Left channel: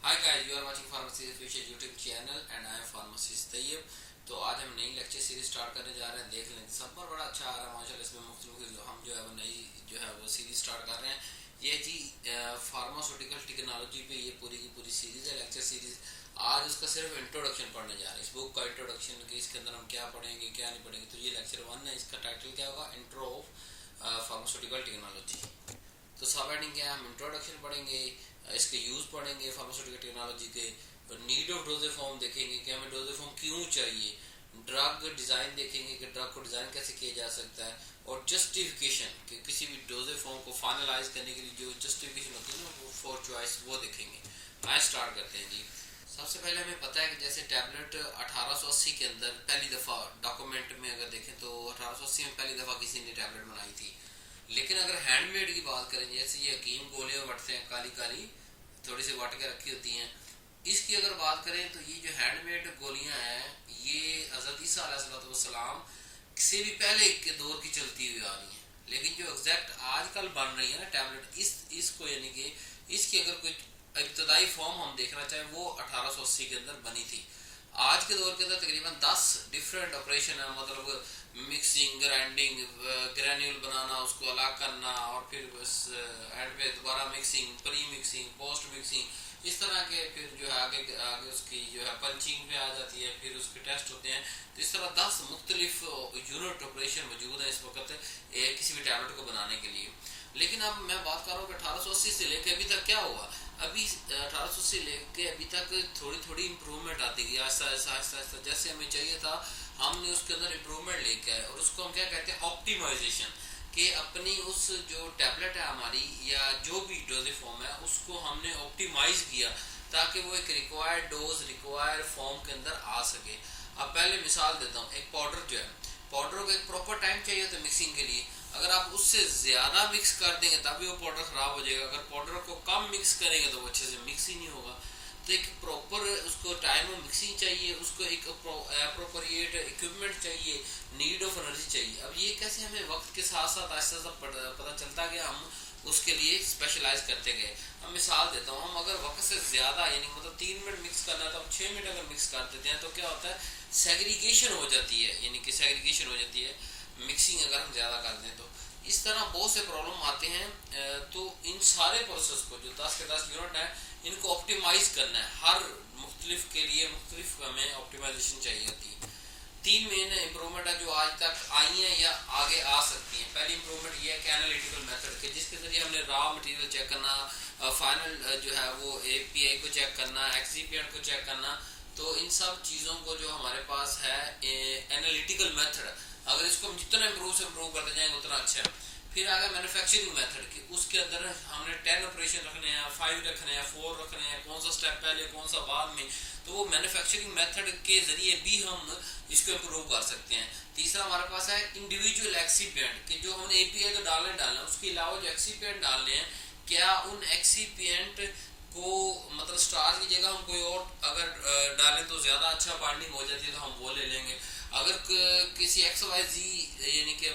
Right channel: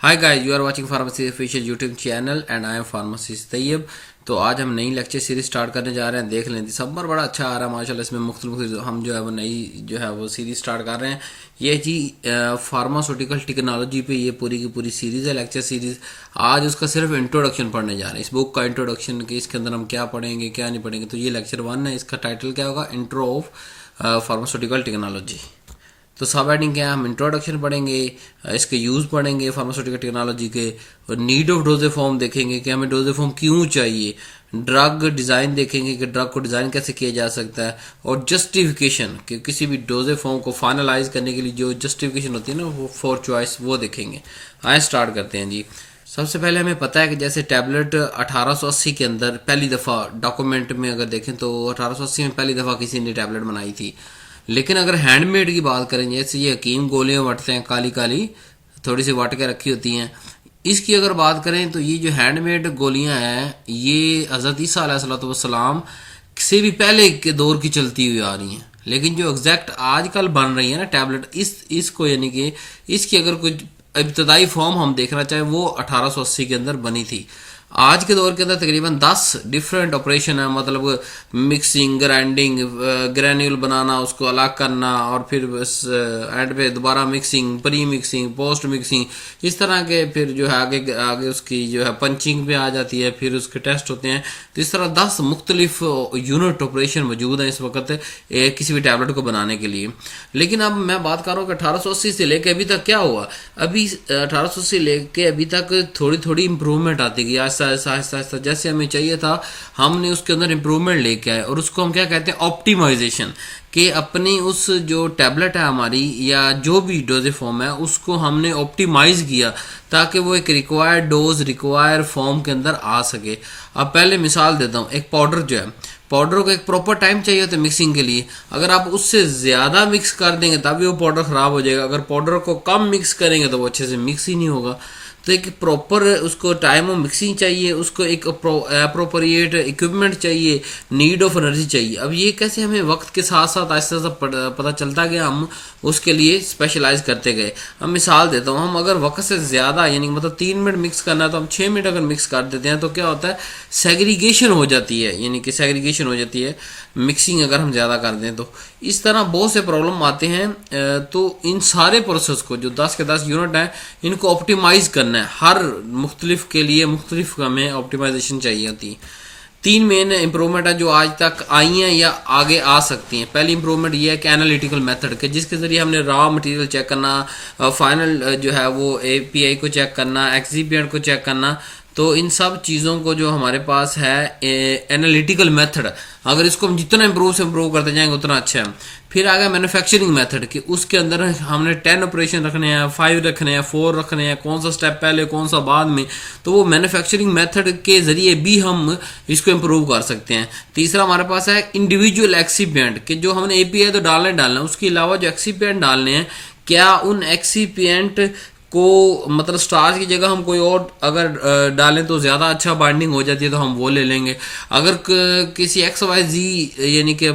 Hi guys, you are watching pharmacy official YouTube channel and I am pharmacist Tayyab. तो आज हम नई lecture series start करने जा रहे हैं। देख लें, दिसंबर बड़ा अच्छा आ रहा है माशाल्लाह। इसमें मुख्तलिफ हम जो है वो नई जो है वो सीरीज स्टार्ट कर रहे हैं। ये जी फार्मास्यूटिकल टेक्नोलॉजी पे ये पूरी की पूरी सीरीज है, लेक्चर सीरीज। आज उसका सिर्फ इंट्रोडक्शन पढ़ने जा रहे हैं, इस बुक का इंट्रोडक्शन कि इसके अंदर हम क्या पढ़ेंगे क्या नहीं पढ़ेंगे। तो ये लेक्चर 1 है, इसका टाइटल क्या होगा, इंट्रो ऑफ फार्मास्यूटिकल टेक्नोलॉजी। तो सब हेडिंग क्या है, हम इंट्रोडक्शन पढ़ेंगे, इसके यूज़ पढ़ेंगे फार्मास्यूटिकल टेक्नोलॉजी के, और नीड ऑफ डोजे फॉर्म देखेंगे कि हमें डोजे फॉर्म क्यों चाहिए। ड्रग डिज़ाइन देखेंगे कि ड्रग को डिज़ाइन कैसे किया जा सकता है, और जस्टिफिकेशन कि किसी भी डोजे फॉर्म को फाइनलाइज करने के लिए जो जस्टिफिकेशन होती है ना वो फॉर चॉइस, वो देखेंगे। आए स्टार्ट करते हैं जी। सबसे पहले हमें पता है कि जैसे टैबलेट 1880 के अंदर पहली दफ़ा डॉक्यूमेंट में अगर देखें तो 1880 में पहली दफ़ा किसी ने टैबलेट बनाई थी। लेकिन अगर हैंडमेड की बात करें, जैसे ये हकीम गोलियां वटते हैं, काली काली थोड़ी सी वट के रखी होती हैं, इसकी अगर बात करें तो ये जो हैंडमेड गोलियां हैं ये हज़रत ईसा अलैहिस्सलाम से भी पहले के दौर की चलती हुई आ रही हैं। लेकिन जो एग्जैक्ट आजकल बन रही है ना टैबलेट, इसको यानी कि इसकी अगर कुछ इब्तदाई फॉर्म हम देखना चाहें वो 1880 के अंदर बनी थी। आज के दौर के अंदर तकरीबन 10 डिफरेंट ऑपरेशन है, मतलब मिक्सिंग, ग्राइंडिंग, ग्रैन्यूल बनाना, उसको अलग करना, और फिर एंड पे दोबारा mixing, pre mixing, post mixing, इस तरह के। फिर जो है आगे आगे उसकी जो है पंचिंग पे आ जाती है, फिर उसके टेस्ट होते हैं। तो इस तरह 10 मुख्तलिफ यूनिट ऑपरेशन मौजूद हैं इस वक्त किसी भी टैबलेट को बनाने के लिए। लेकिन अब मैं बात कर रहा हूँ कि 1880 से लेके अभी तक क्या हुआ। अभी 1880 से लेके अभी तक थोड़ी थोड़ी इंप्रूवमेंट आती गई, आहिस्ता आहिस्ता आहिस्ता आहिस्ता जैसे हमें चाहिए था हमने उसके अंदर इंप्रूवमेंट लेके आए। और उसको हम क्या कहते हैं, ऑप्टिमाइजेशन। कि अपनी उस जो टैबलेट है हमारी या जो भी डोजे फॉर्म है उसको हमने ऑप्टिमाइज किया ताकि वो एक रिक्वायर्ड डोज, रिक्वायर्ड फॉर्म के अंदर आ सके। अब पहले मिसाल देता हूँ, एक पाउडर जो है, पाउडर को एक प्रॉपर टाइम चाहिए होता है मिक्सिंग के लिए। अगर आप उससे ज़्यादा मिक्स कर देंगे तभी वो पाउडर ख़राब हो जाएगा। अगर पाउडर को कम मिक्स करेंगे तो वो अच्छे से मिक्स ही नहीं होगा। तो एक प्रॉपर उसको टाइम ऑफ मिक्सिंग चाहिए, उसको एक अप्रोप्रिएट इक्विपमेंट चाहिए, नीड ऑफ एनर्जी चाहिए। अब ये कैसे हमें वक्त के साथ साथ आहिस्ता आहिस्ता पता चलता गया, हम उसके लिए स्पेशलाइज करते गए। अब मिसाल देता हूँ, हम अगर वक्त से ज़्यादा यानी मतलब 3 मिनट मिक्स करना है तो हम 6 मिनट अगर मिक्स कर देते हैं तो क्या होता है, सेग्रीगेशन हो जाती है, यानी कि सेग्रीगेशन हो जाती है मिक्सिंग अगर हम ज़्यादा कर दें तो। इस तरह बहुत से प्रॉब्लम आते हैं। तो इन सारे प्रोसेस को जो 10 के 10 यूनिट हैं इनको ऑप्टिमाइज करना है। हर मुख्तलिफ के लिए मुख्तलिफ हमें ऑप्टिमाइजेशन चाहिए होती है। 3 मेन इंप्रूवमेंट है जो आज तक आई हैं या आगे आ सकती हैं। पहली इंप्रूवमेंट ये है कि एनालिटिकल मेथड के जिसके ज़रिए हमने रॉ मटेरियल चेक करना, फाइनल जो है वो एपीआई को चेक करना, एक्सिपिएंट को चेक करना। तो इन सब चीज़ों को जो हमारे पास है एनालिटिकल मेथड, अगर इसको हम जितना इम्प्रूव से इम्प्रूव करते जाएंगे उतना अच्छा है। फिर आ गया मैन्युफैक्चरिंग मेथड कि उसके अंदर हमने 10 ऑपरेशन रखने हैं, 5 रखने हैं, 4 रखने हैं, कौन सा स्टेप पहले कौन सा बाद में। तो वो मैन्युफैक्चरिंग मेथड के ज़रिए भी हम इसको इम्प्रूव कर सकते हैं। तीसरा हमारे पास है इंडिविजुअल एक्सीपिएंट कि जो हमने एपीआई तो डालना है, उसके अलावा जो एक्सीपिएंट डालने हैं, क्या उन एक्सीपिएंट को मतलब स्टार्च की जगह हम कोई और अगर डालें तो ज़्यादा अच्छा बाइंडिंग हो जाती है तो हम वो ले लेंगे। अगर किसी XYZ यानी कि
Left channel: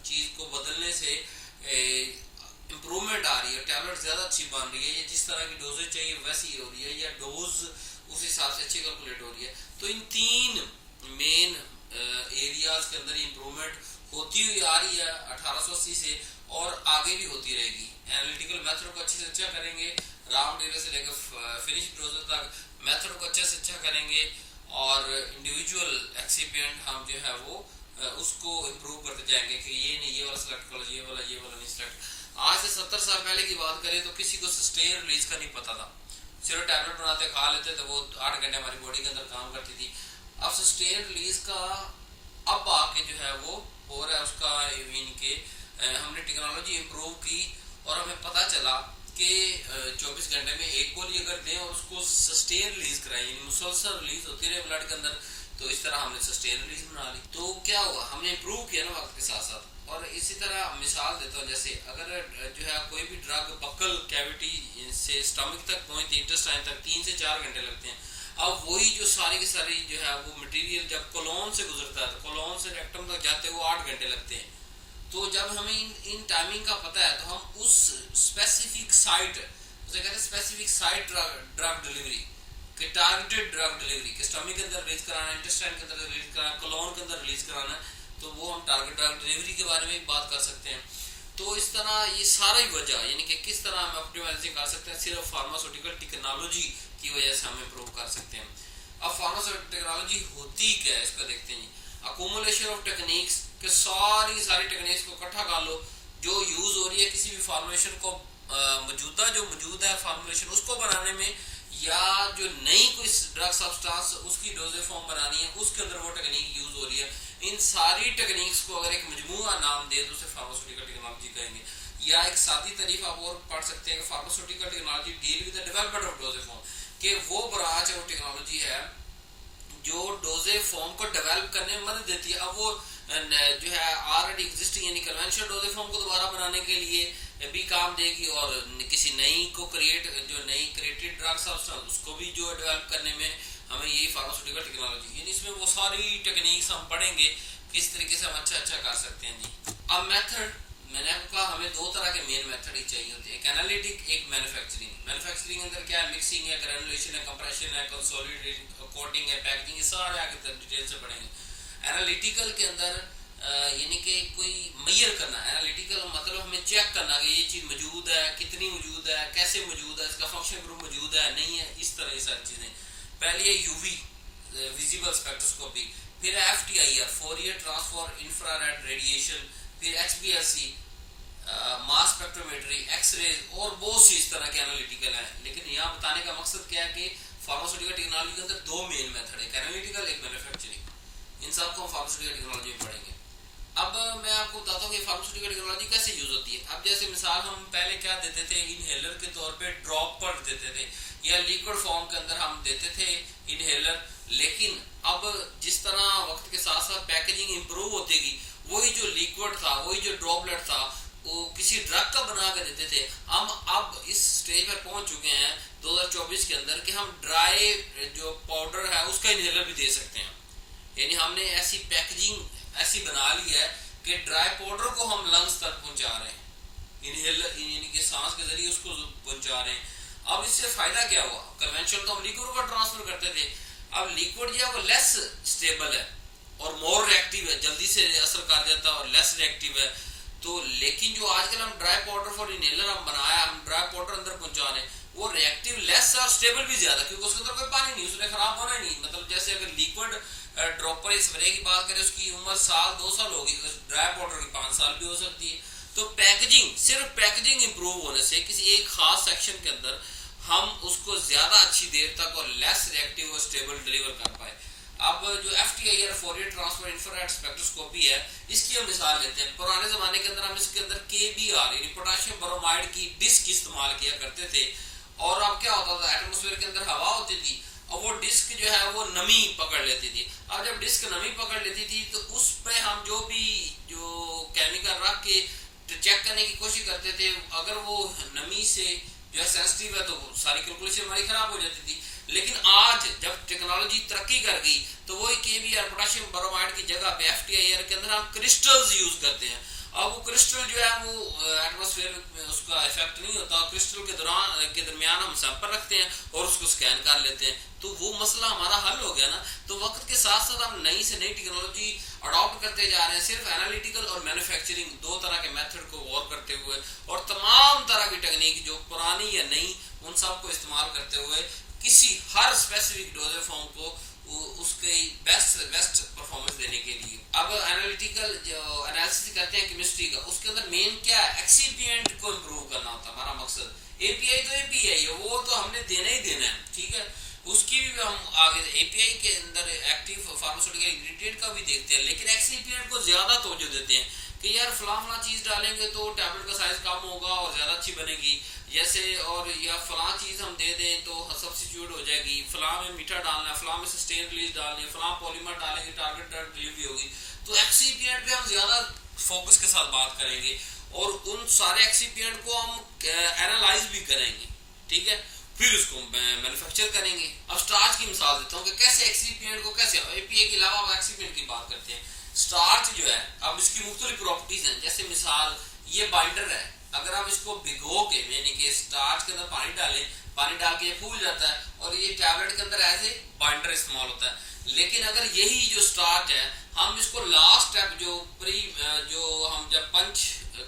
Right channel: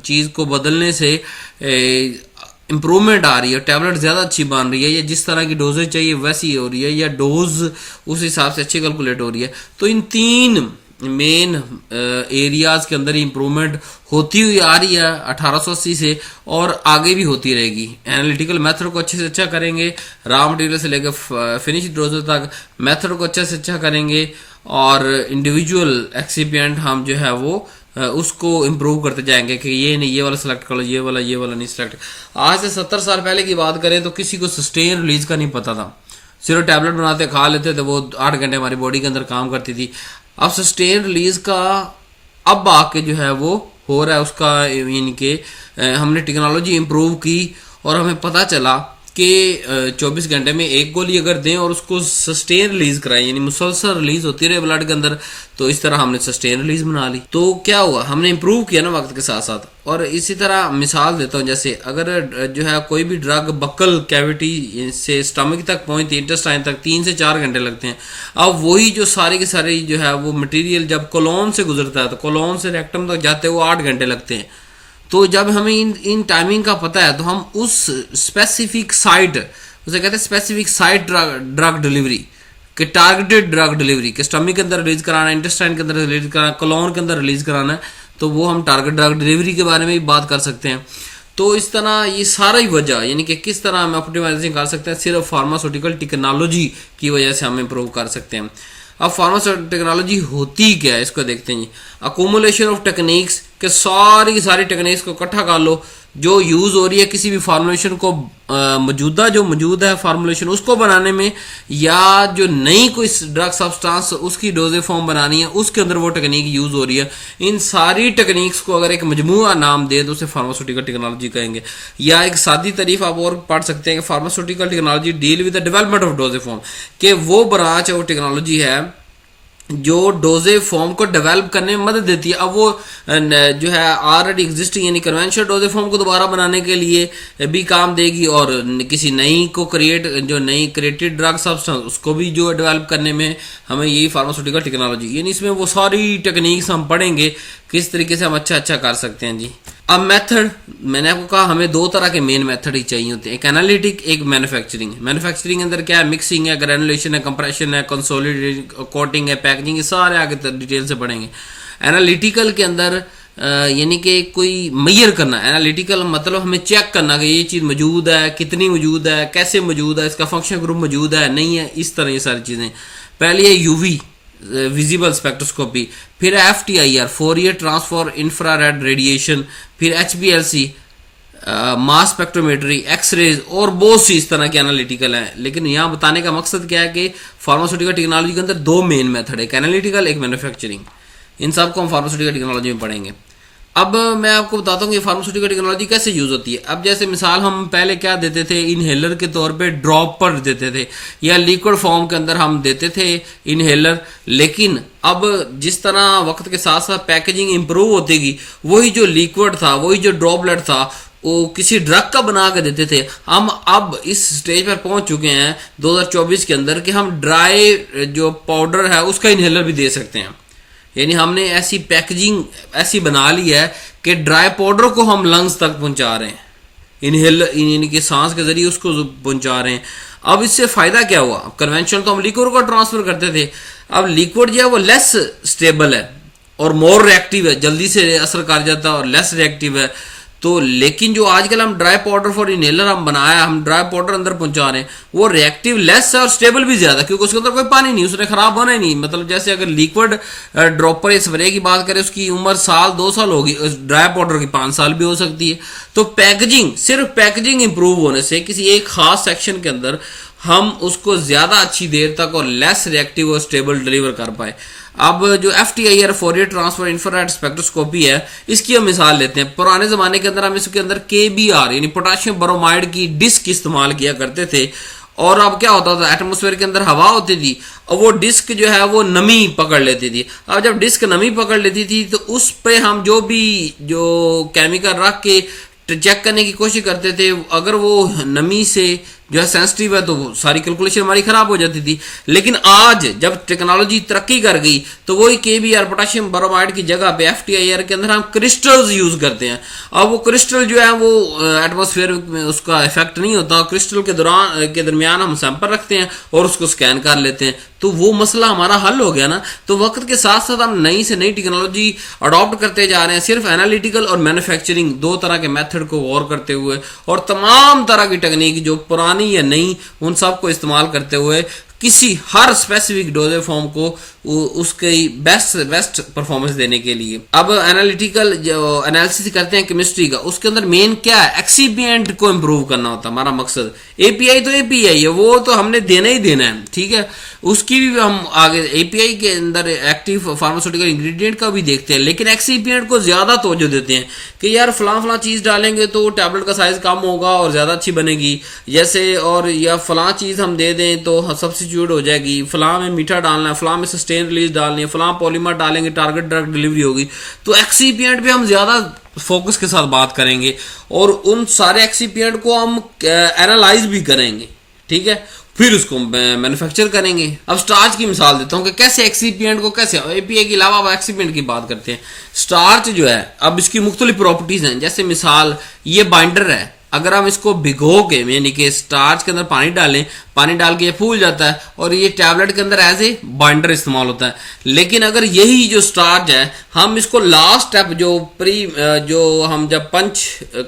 चीज़ को बदलने से इम्प्रूवमेंट आ रही है, टैबलेट ज़्यादा अच्छी बन रही है, या जिस तरह की डोजेज चाहिए वैसी हो रही है, या डोज उस हिसाब से अच्छी कैलकुलेट हो रही है, तो इन 3 मेन एरियाज के अंदर इम्प्रूवमेंट होती हुई आ रही है 1880 से, और आगे भी होती रहेगी। एनालिटिकल मेथड को अच्छे से अच्छा करेंगे, रॉ मटेरियल से लेकर फिनिश डोज तक मेथड को अच्छे से अच्छा करेंगे, और इंडिविजुअल एक्सिपिएंट हम जो है वो उसको इम्प्रूव करते जाएंगे कि ये नहीं ये वाला सेलेक्ट कर लो, ये वाला नहीं सेलेक्ट। आज से 70 साल पहले की बात करें तो किसी को सस्टेन रिलीज का नहीं पता था, सिर्फ टैबलेट बनाते खा लेते थे, वो 8 घंटे हमारी बॉडी के अंदर काम करती थी। अब सस्टेन रिलीज का अब आके जो है वो हो रहा है उसका, यानी कि हमने टेक्नोलॉजी इम्प्रूव की और हमें पता चला कि 24 घंटे में एक गोली अगर दें और उसको सस्टेन रिलीज कराएं, यानी मुसलसल रिलीज होती रहे ब्लड के अंदर, तो इस तरह हमने सस्टेन रिलीज बना ली। तो क्या हुआ, हमने इम्प्रूव किया ना वक्त के साथ साथ। और इसी तरह मिसाल देता हूँ, जैसे अगर जो है कोई भी ड्रग बक्कल कैविटी से स्टमक तक पहुंचती है, इंटेस्टाइन तक 3 से 4 घंटे लगते हैं। अब वही जो सारी की सारी जो है वो मटेरियल जब कोलोन से गुजरता है तो कोलोन से रेक्टम तक जाते हुए 8 घंटे लगते हैं। तो जब हमें इन टाइमिंग का पता है तो हम उस स्पेसिफिक साइट उसे कहते हैं स्पेसिफिक साइट ड्रग डिलीवरी, कि टारगेटेड ड्रग डिलीवरी, कि स्टमक के अंदर रिलीज कराना है, इंटेस्टाइन के अंदर रिलीज कराना है, कोलोन के अंदर रिलीज कराना है, तो वो हम टारगेट ड्रग डिलीवरी के बारे में भी बात कर सकते हैं। तो इस तरह ये सारा ही वजह, यानी कि किस तरह हम ऑप्टिमाइजेशन कर सकते हैं, सिर्फ फार्मास्यूटिकल टेक्नोलॉजी की वजह से हम इम्प्रूव कर सकते हैं। अब फार्मास्यूटिकल टेक्नोलॉजी होती क्या है, इसको देखते हैं जी। अकोमुलेशन ऑफ टेक्निक्स, के सारी सारी टेक्निक्स को इकट्ठा कर लो जो यूज हो रही है किसी भी फार्मूलेशन को, मौजूदा जो मौजूद है फार्मूलेशन उसको बनाने में, या जो नई कोई ड्रग सब्सटेंस उसकी डोजेज फॉर्म बनानी है उसके अंदर वो टेक्निक यूज हो रही है। इन सारी टेक्निक्स को अगर एक मजमूआ नाम दे तो उसे फार्मास्यूटिकल टेक्नोलॉजी कहेंगे। या एक सादी तारीफ आप और पढ़ सकते हैं कि pharmaceutical technology deal with the development of dosage form, कि वो ब्रांच है, वो टेक्नोलॉजी है जो डोजेज फॉर्म को डेवलप करने में मदद देती है। अब वो जो है ऑलरेडी एग्जिस्टिंग यानी कन्वेंशनल डोजेज फॉर्म को दोबारा बनाने के लिए भी काम देगी, और किसी नई को क्रिएट, जो नई क्रिएटेड ड्रग सब्सटेंस उसको भी जो डेवलप करने में हमें यही फार्मास्यूटिकल टेक्नोलॉजी, यानी इसमें वो सारी टेक्निक्स हम पढ़ेंगे किस तरीके से हम अच्छा कर सकते हैं जी। अब मेथड, मैंने आपको कहा हमें दो तरह के मेन मेथड ही चाहिए होते हैं, एक एनालिटिक, एक मैन्युफैक्चरिंग। मैन्युफैक्चरिंग अंदर क्या है, मिक्सिंग है, ग्रेनुलेशन है, कंप्रेशन है, कंसोलिडेशन, कोटिंग है, पैकेजिंग, ये सारे आगे डिटेल से पढ़ेंगे। एनालिटिकल के अंदर यानी कि कोई मैयर करना, एनालिटिकल मतलब हमें चेक करना कि ये चीज़ मौजूद है, कितनी मौजूद है, कैसे मौजूद है, इसका फंक्शन ग्रुप मौजूद है नहीं है, इस तरह ये सारी चीज़ें। पहले ये यूवी विजिबल स्पेक्ट्रोस्कोपी, फिर FTIR Fourier transfer infrared radiation, फिर HPLC मास स्पेक्ट्रोमेट्री, एक्सरेज और बहुत सी इस तरह के एनालिटिकल हैं। लेकिन यहाँ बताने का मकसद क्या है कि फार्मास्यूटिकल टेक्नोलॉजी के अंदर दो मेन मेथड है, एक एनालिटिकल, एक मैन्युफैक्चरिंग। इन सब को हम फार्मास्यूटिकल टेक्नोलॉजी में पढ़ेंगे। अब मैं आपको बताता हूँ कि फार्मास्यूटिकल टेक्नोलॉजी कैसे यूज होती है। अब जैसे मिसाल हम पहले क्या देते थे, इनहेलर के तौर पे ड्रॉप पर देते थे या लिक्विड फॉर्म के अंदर हम देते थे इनहेलर। लेकिन अब जिस तरह वक्त के साथ साथ पैकेजिंग इंप्रूव होती गई, वही जो लिक्विड था, वही जो ड्रॉपलेट था, वो किसी ड्रग का बना के देते थे। हम अब इस स्टेज पर पहुंच चुके हैं 2024 के अंदर कि हम ड्राई जो पाउडर है उसका इनहेलर भी दे सकते हैं। यानी हमने ऐसी पैकेजिंग ऐसी बना ली है कि ड्राई पाउडर को हम लंग्स तक पहुंचा रहे हैं, इनहेल यानी कि सांस के जरिए उसको पहुंचा रहे हैं। अब इससे फायदा क्या हुआ, कन्वेंशनल तो हम लिक्विड को ट्रांसफर करते थे, अब लिक्विड जो है वो लेस स्टेबल है और मोर रिएक्टिव है, जल्दी से असर कर जाता है और लेस रिएक्टिव है। तो लेकिन जो आजकल हम ड्राई पाउडर फॉर इनहेलर हम बनाया, हम ड्राई पाउडर अंदर पहुंचा रहे हैं, वो रिएक्टिव लेस है और स्टेबल भी ज्यादा, क्योंकि उसके अंदर कोई पानी नहीं, उसने खराब होना ही नहीं। मतलब जैसे अगर लिक्विड ड्रॉपर स्प्रे की बात करें, उसकी उम्र साल 2 साल होगी, ड्राई पाउडर की 5 साल भी हो सकती है। तो पैकेजिंग, सिर्फ पैकेजिंग इंप्रूव होने से किसी एक खास सेक्शन के अंदर हम उसको ज्यादा अच्छी देर तक और लेस रिएक्टिव और स्टेबल डिलीवर कर पाए। अब जो FTIR Fourier transfer infrared spectroscopy है, इसकी हम मिसाल लेते हैं। पुराने जमाने के अंदर हम इसके अंदर KBR यानी पोटेशियम ब्रोमाइड की डिस्क इस्तेमाल किया करते थे, और अब क्या होता था, एटमोस्फेयर के अंदर हवा होती थी और वो डिस्क जो है वो नमी पकड़ लेती थी। अब जब डिस्क नमी पकड़ लेती थी तो उस पे हम जो केमिकल रख के चेक करने की कोशिश करते थे, अगर वो नमी से जो है सेंसिटिव है तो सारी कैलकुलेशन हमारी खराब हो जाती थी। लेकिन आज जब टेक्नोलॉजी तरक्की कर गई तो वही KBR पोटेशियम ब्रोमाइड की जगह पे FTIR के अंदर हम क्रिस्टल्स यूज करते हैं। अब वो क्रिस्टल जो है वो एटमॉस्फेयर में उसका इफेक्ट नहीं होता, क्रिस्टल के दरमियान हम सैंपल रखते हैं और उसको स्कैन कर लेते हैं, तो वो मसला हमारा हल हो गया ना। तो वक्त के साथ साथ हम नई से नई टेक्नोलॉजी अडॉप्ट करते जा रहे हैं, सिर्फ एनालिटिकल और मैन्युफैक्चरिंग दो तरह के मेथड को गौर करते हुए, और तमाम तरह की टेक्निक जो पुरानी या नई उन सब को इस्तेमाल करते हुए किसी हर स्पेसिफिक डोजेज फॉर्म को उसके बेस्ट परफॉर्मेंस देने के लिए। अब एनालिटिकल जो एनालिसिस करते हैं केमिस्ट्री का, उसके अंदर मेन क्या है, एक्सीपिएंट को इम्प्रूव करना होता है हमारा मकसद। API तो API है, वो तो हमने देना ही देना है, ठीक है। उसकी भी हम आगे API के अंदर एक्टिव फार्मास्यूटिकल इंग्रेडिएंट का भी देखते हैं, लेकिन एक्सीपिएंट को ज्यादा तवज्जो देते हैं कि यार फलां चीज डालेंगे तो टैबलेट का साइज कम होगा और ज्यादा अच्छी बनेगी, जैसे, और या फलां चीज हम दे दें तो सब्स्टिट्यूट हो जाएगी, फलां में मीठा डालना है, फलां में सस्टेन रिलीज डालनी है, फलां पॉलीमर डालेंगे टारगेट ड्रग डिलीवरी होगी। तो एक्सीपिएंट पे हम ज्यादा फोकस के साथ बात करेंगे और उन सारे एक्सीपिएंट को हम एनालाइज भी करेंगे, ठीक है, फिर उसको मैन्युफैक्चर करेंगे। अब स्टार्च की मिसाल देता हूँ कि कैसे एक्सीपिएंट को, कैसे API के अलावा अब एक्सीपिएंट की बात करते हैं। स्टार्च जो है, अब इसकी मुख्तलिफ प्रॉपर्टीज हैं, जैसे मिसाल ये बाइंडर है, अगर हम इसको भिगो के यानी कि स्टार्च के अंदर पानी डाल के ये फूल जाता है और ये टैबलेट के अंदर एज ए बाइंडर इस्तेमाल होता है। लेकिन अगर यही जो स्टार्च है हम इसको लास्ट स्टेप जो हम जब पंच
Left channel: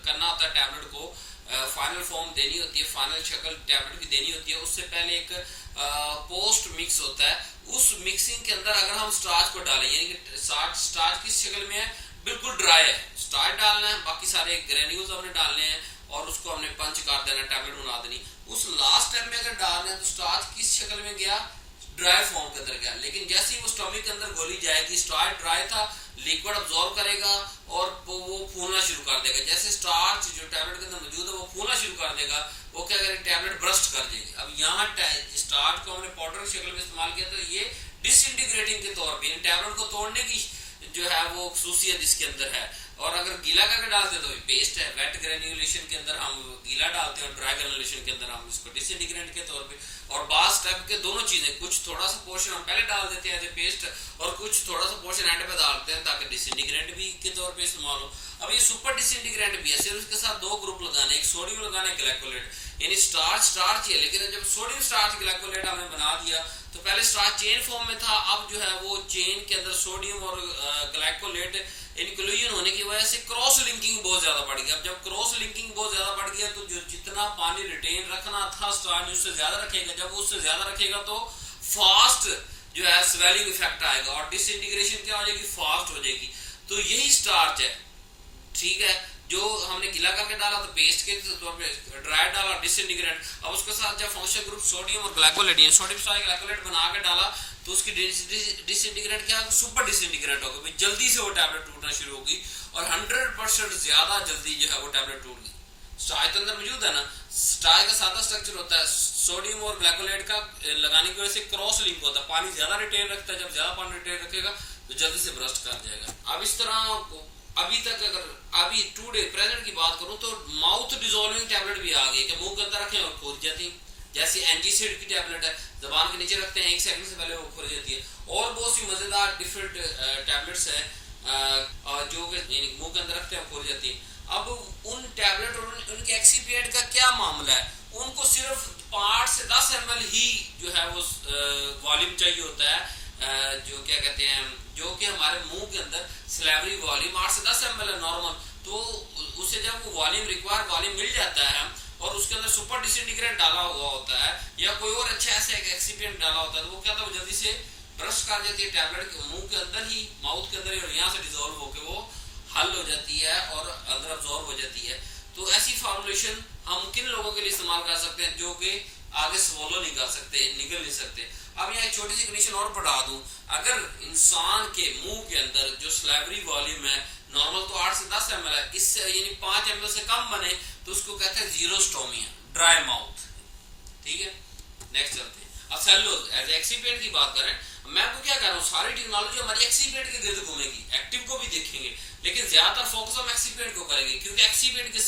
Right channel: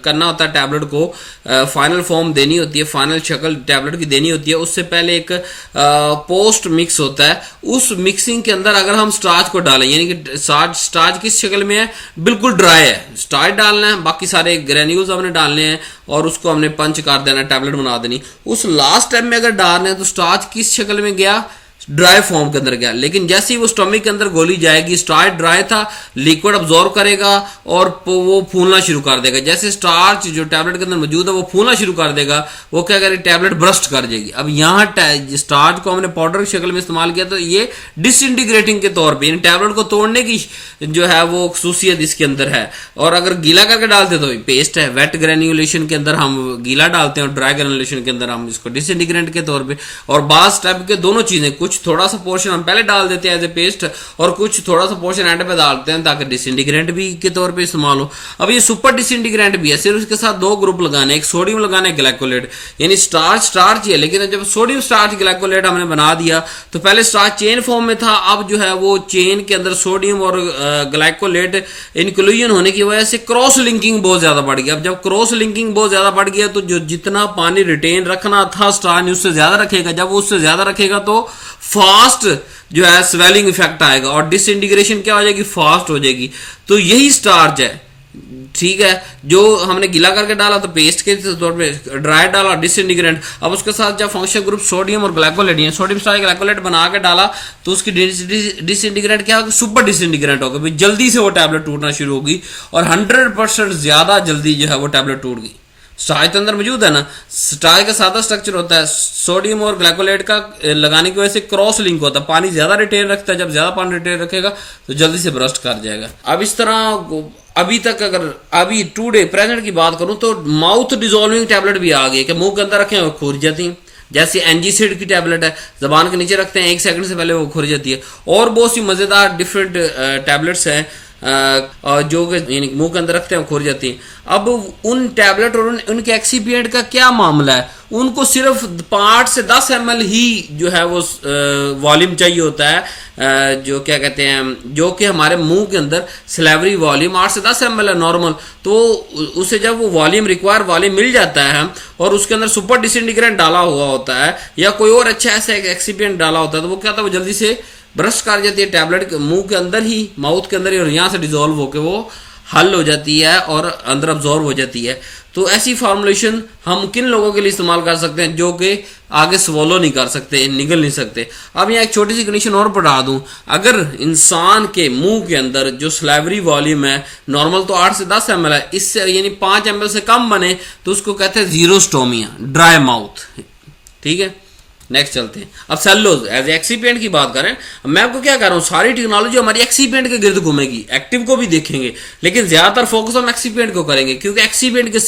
करना होता है टैबलेट को, फाइनल फॉर्म देनी होती है, फाइनल शक्ल टैबलेट की देनी होती है, उससे पहले एक पोस्ट मिक्स होता है। उस मिक्सिंग के अंदर अगर हम स्टार्च को डालें, यानी कि स्टार्च किस शक्ल में है, बिल्कुल ड्राई है, स्टार्च डालना है, बाकी सारे ग्रेन्यूल्स हमने डालने हैं और उसको हमने पंच कर देना, टैबलेट बना देनी। उस लास्ट टाइम में अगर डालने हैं तो स्टार्च किस शक्ल में गया, ड्राई फॉर्म के अंदर गया। लेकिन जैसे ही वो स्टमक के अंदर गोली जाएगी, स्टार्च ड्राई था, लिक्विड अब्जॉर्ब करेगा और वो फूलना शुरू कर देगा। जैसे स्टार्च जो टैबलेट के अंदर मौजूद है वो फूलना शुरू कर देगा, वो क्या करेगी, टैबलेट ब्रस्ट कर जाएगी। अब यहाँ स्टार्च को हमने पाउडर की शक्ल में इस्तेमाल किया तो ये डिसइंटीग्रेटिंग के तौर पर, यानी टैबलेट को तोड़ने की जो है वो खसूसियत इसके अंदर है। और अगर गीला करके डालते तो पेस्ट है, वेट ग्रेन्युलेशन के अंदर हम गीला डालते हैं और ड्राई ग्रेन्युलेशन के अंदर हम इसको डिसइंटीग्रेंट के तौर पे। और बास टाइप के दोनों चीजें, कुछ थोड़ा सा पोर्शन हम पहले डाल देते हैं एज ए पेस्ट और कुछ थोड़ा सा पोर्शन एंड पे डालते हैं ताकि डिसइंटीग्रेंट भी के तौर पे इस्तेमाल हो। अब ये सुपर डिसइंटीग्रेंट भी है, सिर्फ इसके साथ दो ग्रुप लगाने, एक सोडियम लगाना है, ग्लाइकोलेट, यानी स्टार्च ही है। लेकिन जब सोडियम स्टार्च ग्लाइकोलेट हमने बना दिया तो पहले स्टार्च चेन फॉर्म में था, अब जो है वो चेन के अंदर सोडियम और ग्लाइकोलेट इंक्लूजन होने की वजह से क्रॉस लिंकिंग बहुत ज्यादा बढ़ गया। अब जब क्रॉस लिंकिंग बहुत ज्यादा बढ़ गया तो जो जितना पानी रिटेन रखना था स्टार्च उससे ज्यादा रखेगा। जब वो उससे ज्यादा रखेगा तो फास्ट जो है स्वेलिंग इफेक्ट आएगा और डिसइंटीग्रेशन क्या हो जाएगी, फास्ट हो जाएगी। तो यही स्टार्च है, ठीक है, जो हमने गीला करके डाला तो पेस्ट के तौर पे, ड्राई डाला डिसइंटीग्रेंट। अब उसके साथ जब फंक्शन ग्रुप सोडियम और ग्लाइकोलेट, सोडियम स्टार्च ग्लाइकोलेट बना के डाला तो उसकी डिसइंटीग्रेंट क्या होगा, सुपर डिसइंटीग्रेंट होगा, भाई जल्दी से वो टैबलेट टूटना शुरू होगी और 100% ज्यादा जल्दी जो है वो टैबलेट टूट गई। स्टार्च के अंदर मौजूद है ना, स्टार्च का सादा स्ट्रक्चर होता है, सोडियम और ग्लाइकोलेट का लगाने की वजह से क्रॉस लिंक होता है, पानी ज्यादा रिटेन रखता है, जब ज्यादा पानी रिटेन रखेगा तो जल्दी से ब्रस्ट कर जाएगा। अब इस तरह अभी तक अभी टुडे प्रेजेंट की बात करूं तो माउथ डिजोल्विंग टैबलेट भी आ गई कि मुंह के अंदर रखें और खुर जाती हैं। जैसे एनजीसिड की टैबलेट है, जबान के नीचे रखते हैं 1 सेकंड से पहले वो खुर जाती है। और बहुत सी मजेदार डिफरेंट टैबलेट्स हैं जो यानी मुंह के अंदर रखते हैं खुर जाती हैं। अब उन टैबलेट और उनके एक्सीपिएंट का क्या मामला है, उनको सिर्फ 5 से 10 ml ही जो है वो वॉल्यूम चाहिए होता है, जो क्या कहते हैं, जो कि हमारे मुंह के अंदर स्लेवरी वॉल्यूम 8 से 10 ml है नॉर्मल। तो उसे जब वो वॉल्यूम रिक्वायर वॉल्यूम मिल जाता है और उसके अंदर सुपर डिसइंटीग्रेंट डाला हुआ होता है या कोई और अच्छा ऐसा एक्सीपिएंट डाला होता है तो वो क्या होता है, वो जल्दी से ब्रश कर जाती है टैबलेट मुंह के अंदर ही, माउथ के अंदर ही, और यहाँ से डिजोल्व होकर वो हल हो जाती है और अंदर अब्जॉर्ब हो जाती है। तो ऐसी फॉर्मुलेशन हम किन लोगों के लिए इस्तेमाल कर सकते हैं जो कि आगे स्वॉलो नहीं कर सकते, निगल नहीं सकते। अब यहाँ एक छोटी सी कंडीशन और पढ़ा दूं, अगर इंसान के मुंह के अंदर जो स्लेवरी वॉल्यूम है नॉर्मल तो 8 से 10 ml है, इससे यानी 5 ml से कम बने तो उसको कहते हैं जीरोस्टोमिया, ड्राई माउथ, ठीक है। नेक्स्ट चलते हैं। अब सेलुलोज एज एक्सीपिएंट की बात करें, मैं आपको क्या कर रहा हूं, सारी टेक्नोलॉजी हमारी एक्सीपिएंट के गिर्द घूमेगी, एक्टिव को भी देखेंगे लेकिन ज्यादातर फोकस हम एक्सीपिएंट को करेंगे क्योंकि एक्सीपिएंट के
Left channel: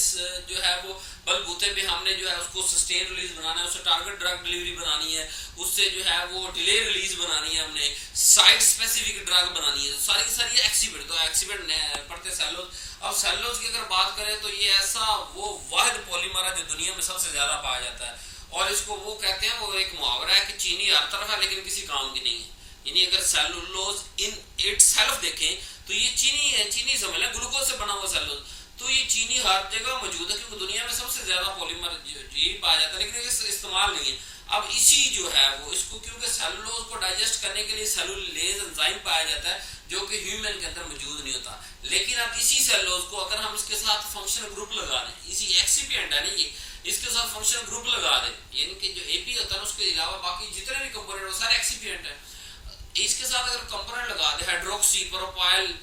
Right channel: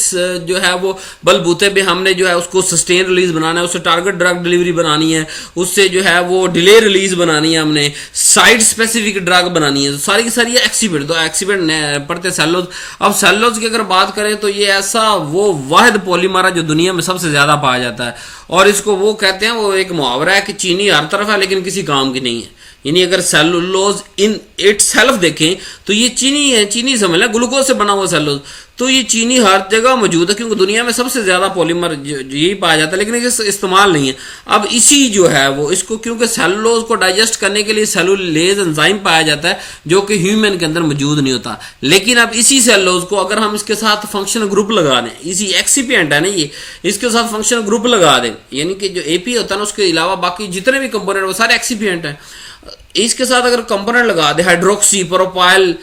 जो है वो बलबूते पे हमने जो है उसको सस्टेन रिलीज बनाना है, उससे टारगेट ड्रग डिलीवरी बनानी है, उससे जो है वो डिले रिलीज बनानी है, हमने साइट स्पेसिफिक ड्रग बनानी है, तो सारी की सारी एक्सीपिएंट। तो एक्सीपिएंट पढ़ते सेलुलोज। अब सेलुलोज की अगर बात करें तो ये ऐसा वो वाहिद पॉलीमर है जो दुनिया में सबसे ज्यादा पाया जाता है और इसको वो कहते हैं, वो एक मुहावरा है कि चीनी हर तरफ है लेकिन किसी काम की नहीं है। यानी अगर सेलुलोज इन इट सेल्फ देखें तो ये चीनी है, चीनी समझ लें, ग्लूकोज से बना हुआ सेलुलोज, तो ये चीनी हर जगह मौजूद है क्योंकि दुनिया में सबसे ज्यादा पॉलीमर यही पाया जाता है लेकिन इसे इस्तेमाल नहीं है। अब इसी जो है वो इसको क्योंकि सेलुलोज को डाइजेस्ट करने के लिए सेलुलेज एंजाइम पाया जाता है जो कि ह्यूमन के अंदर मौजूद नहीं होता, लेकिन अब इसी सेलुलोज को अगर हम इसके साथ फंक्शनल ग्रुप लगा दें, इसी एक्सीपिएंट है ना ये, इसके साथ फंक्शनल ग्रुप लगा दें, यानी कि जो एपी होता है ना उसके अलावा बाकी जितने भी कंपोनेंट वो सारे एक्सीपिएंट हैं, इसके साथ अगर कंपोनेंट लगा दे हाइड्रोक्सी प्रोपाइल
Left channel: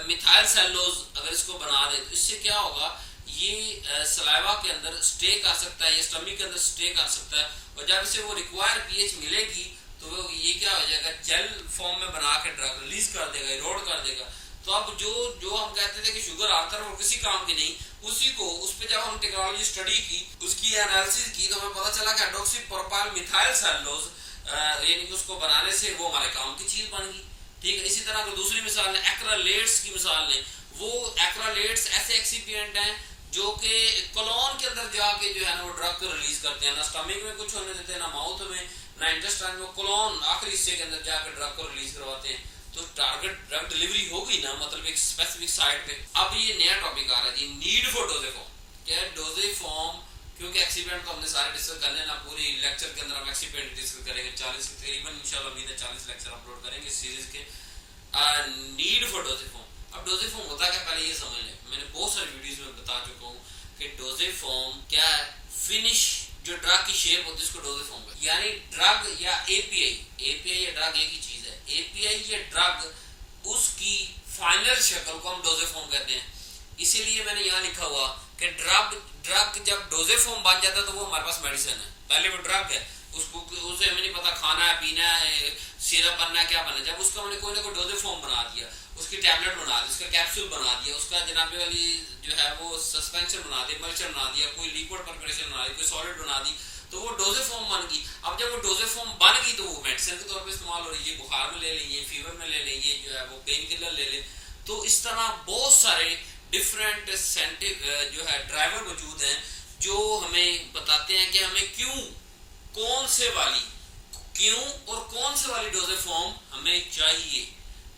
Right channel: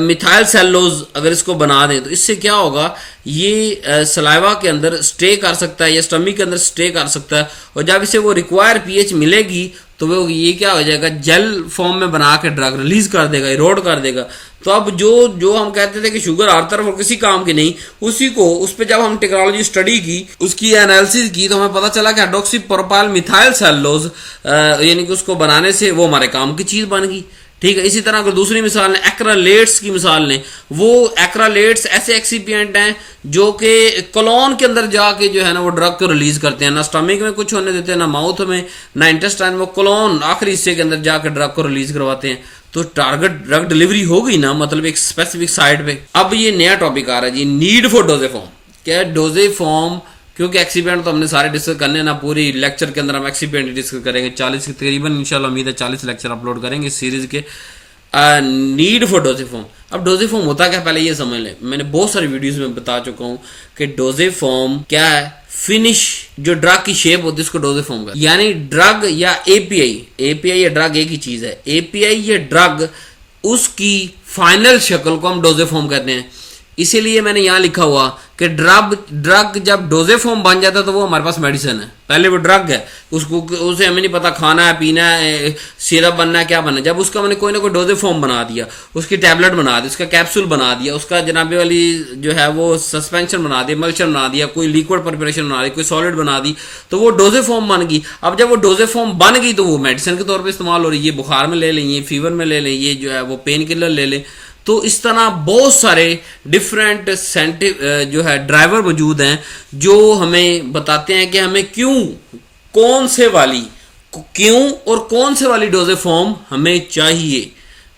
मिथाइल सेलुलोज अगर इसको बना दें तो इससे क्या होगा, ये सलाइवा के अंदर स्टे कर सकता है या स्टमक के अंदर स्टे कर सकता है और जब इसे वो रिक्वायर पीएच मिलेगी तो वो ये क्या हो जाएगा, जेल फॉर्म में बना के ड्रग रिलीज कर देगा, इरोड कर देगा। तो अब जो हम कहते थे कि शुगर हर तरफ और किसी काम की नहीं, उसी को उस पर जब हम टेक्नोलॉजी स्टडी की, उसकी एनालिसिस की तो हमें पता चला कि हाइड्रोक्सी प्रोपाइल मिथाइल सेलुलोज यानी कि उसको बनाने से वो हमारे काम की चीज बन गई, ठीक है। इसी तरह अगर दूसरी मिसाल लें, एक्रालेट्स की मिसाल लें, वो एक्रालेट्स ऐसे एक्सीपिएंट हैं जो कि कोलोन के अंदर जाके जो है ना वो ड्रग को रिलीज करते हैं, ना स्टमक में कुछ होने देते हैं, ना माउथ में, ना इंटेस्टाइन में, कोलोन आखिरी हिस्से के अंदर जाकर ड्रग को रिलीज करवाते हैं। तो टारगेट ड्रग डिलीवरी हो गई ना, मतलब एक स्पेसिफिक साइट पे। अब ये नया टॉपिक आ रहा है जी, नीड फॉर डोजेफॉर्म। क्या डोजेफॉर्म, क्योंकि एक्सीपेंट तो हमने सारे डिस्कस करने ना, पूरी लेक्चर के अंदर हम एक्सीपेंट डिस्कस करेंगे, 40 तकरीबन इंशाल्लाह उम्मीद है 40 लेक्चर अपलोड करेंगे इस सीरीज के। Need for dosage form. अब डोजेफॉर्म होता क्या, पहले ये समझ लें। मैंने बहुत सारी वीडियोस में बता चुका हूं कि डोजेफॉर्म क्या है। फिनिश जो ड्रग की शेप होती है उसको डोजेफॉर्म का, यानी ड्रग या एपीआई या ड्रग एक ही चीज है। एपीआई या ड्रग, उसकी फाइनल शक्ल को हम डोजेफॉर्म कहते हैं। इसीलिए मैंने यहां लिखा हुआ कि ड्रग जब डोजेफॉर्म बन जाता है तो वो हमारे पास मेडिसिन है। पहले वो ड्रग है, उसको उसे हमें नहीं पता खाना है, पीना है, सिरप बनना है, क्या बनना है। जब उसका मैंने कोई ना कोई डोजेफॉर्म बना दिया, उसकी टैबलेट बना दी, उसका कैप्सूल बना दिया, उसका जनाबे वाली जो है वो सस्पेंशन बना दी, मल्चर बना दिया, कोई लिक्विड प्रिपरेशन बना दी, कोई सॉलिड बना दी, तो वो डोजेफॉर्म बन गई। अब जब वो डोजेफॉर्म बन गई तो वो मेडिसिन के तौर पर इस्तेमाल हो रही है। ये बुखार में ले लें, ये फीवर में ले लें, ये जो है वो पेन किलर ले लें। तो इस तरह बहुत सारे डिफरेंट जो है ड्राइवर मौजूद हैं जो हमें बताते हैं कि हमें कौन से वाली डोजेफॉर्म हमें चाहिए।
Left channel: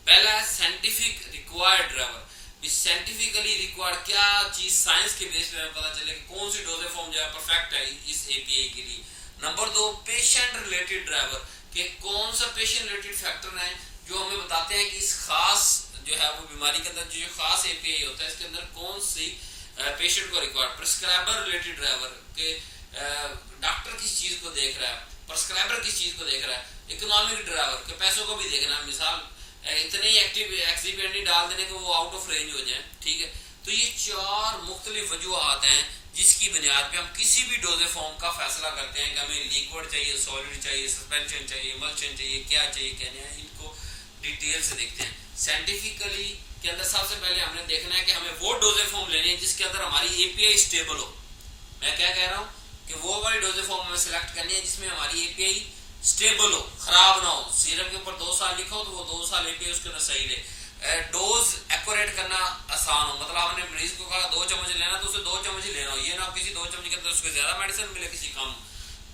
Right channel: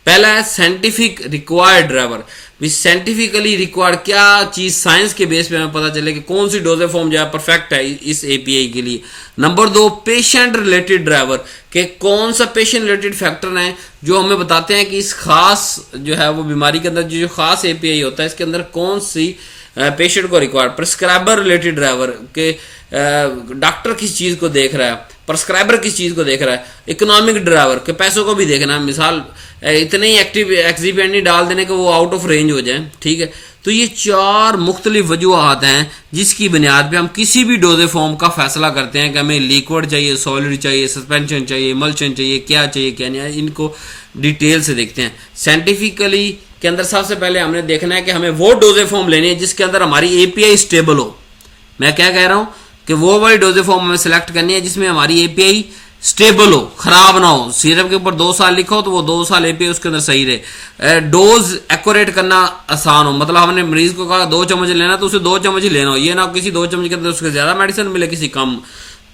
पहला है scientific required driver. Scientifically required क्या चीज, साइंस के बेस पे हमें पता चले कि कौन सी डोजेफॉर्म जो है परफेक्ट है इस एपीआई के लिए। नंबर 2, पेशेंट रिलेटेड ड्राइवर, कि कौन सा पेशेंट रिलेटेड फैक्टर है जो हमें बताते हैं कि इस खास जो है वो बीमारी के अंदर जो खास एपीआई होता है इसके अंदर कौन सी पेशेंट को रिक्वायर्ड। प्रिस्क्राइबर रिलेटेड ड्राइवर, के डॉक्टर किस चीज को देख रहा है, प्रिस्क्राइबर किस चीज को देख रहा है। इकोनॉमिक ड्राइवर, के पैसों को भी देखना है, मिसाल इतने ही एक्टिव एक्सीपिएंट नहीं डाल देने के वो आउट ऑफ रेंज हो जाए, ठीक है। तो ये 4 मुख्तलिफ वजूहात हैं जिसकी बुनियाद पे हम किसी भी डोजेफॉर्म का फैसला करते हैं कि हमें लिक्विड चाहिए, सॉलिड चाहिए, सस्पेंशन चाहिए, मल्चन चाहिए, क्या नहीं। इनको डिटेल से देखते हैं। साइंटिफिकली के अंदर सबसे पहले हमने देखना है कि हमें वो डोजेफॉर्म लेनी है जिसके अंदर हमारी एपीआई स्टेबल हो। मैं क्या कह रहा हूं कि वो वाली डोजेफॉर्म हमें सिलेक्ट करनी है जिसमें हमारी एपीआई स्टेबल हो, खराब ना हो। सिरप के ऊपर 2 साल लिखा हो तो वो 2 साल एपीआई उसके अंदर सही रहे। डोज एक्यूरेट करना आसान हो, मतलब हमने मरीज को कहा 2 चम्मच लेना तो उसे 2 चम्मच ही लेना हो, ये ना किसी 2 चम्मच के अंदर उसके ज्यादा मेडिसिन मिले, किसी कम।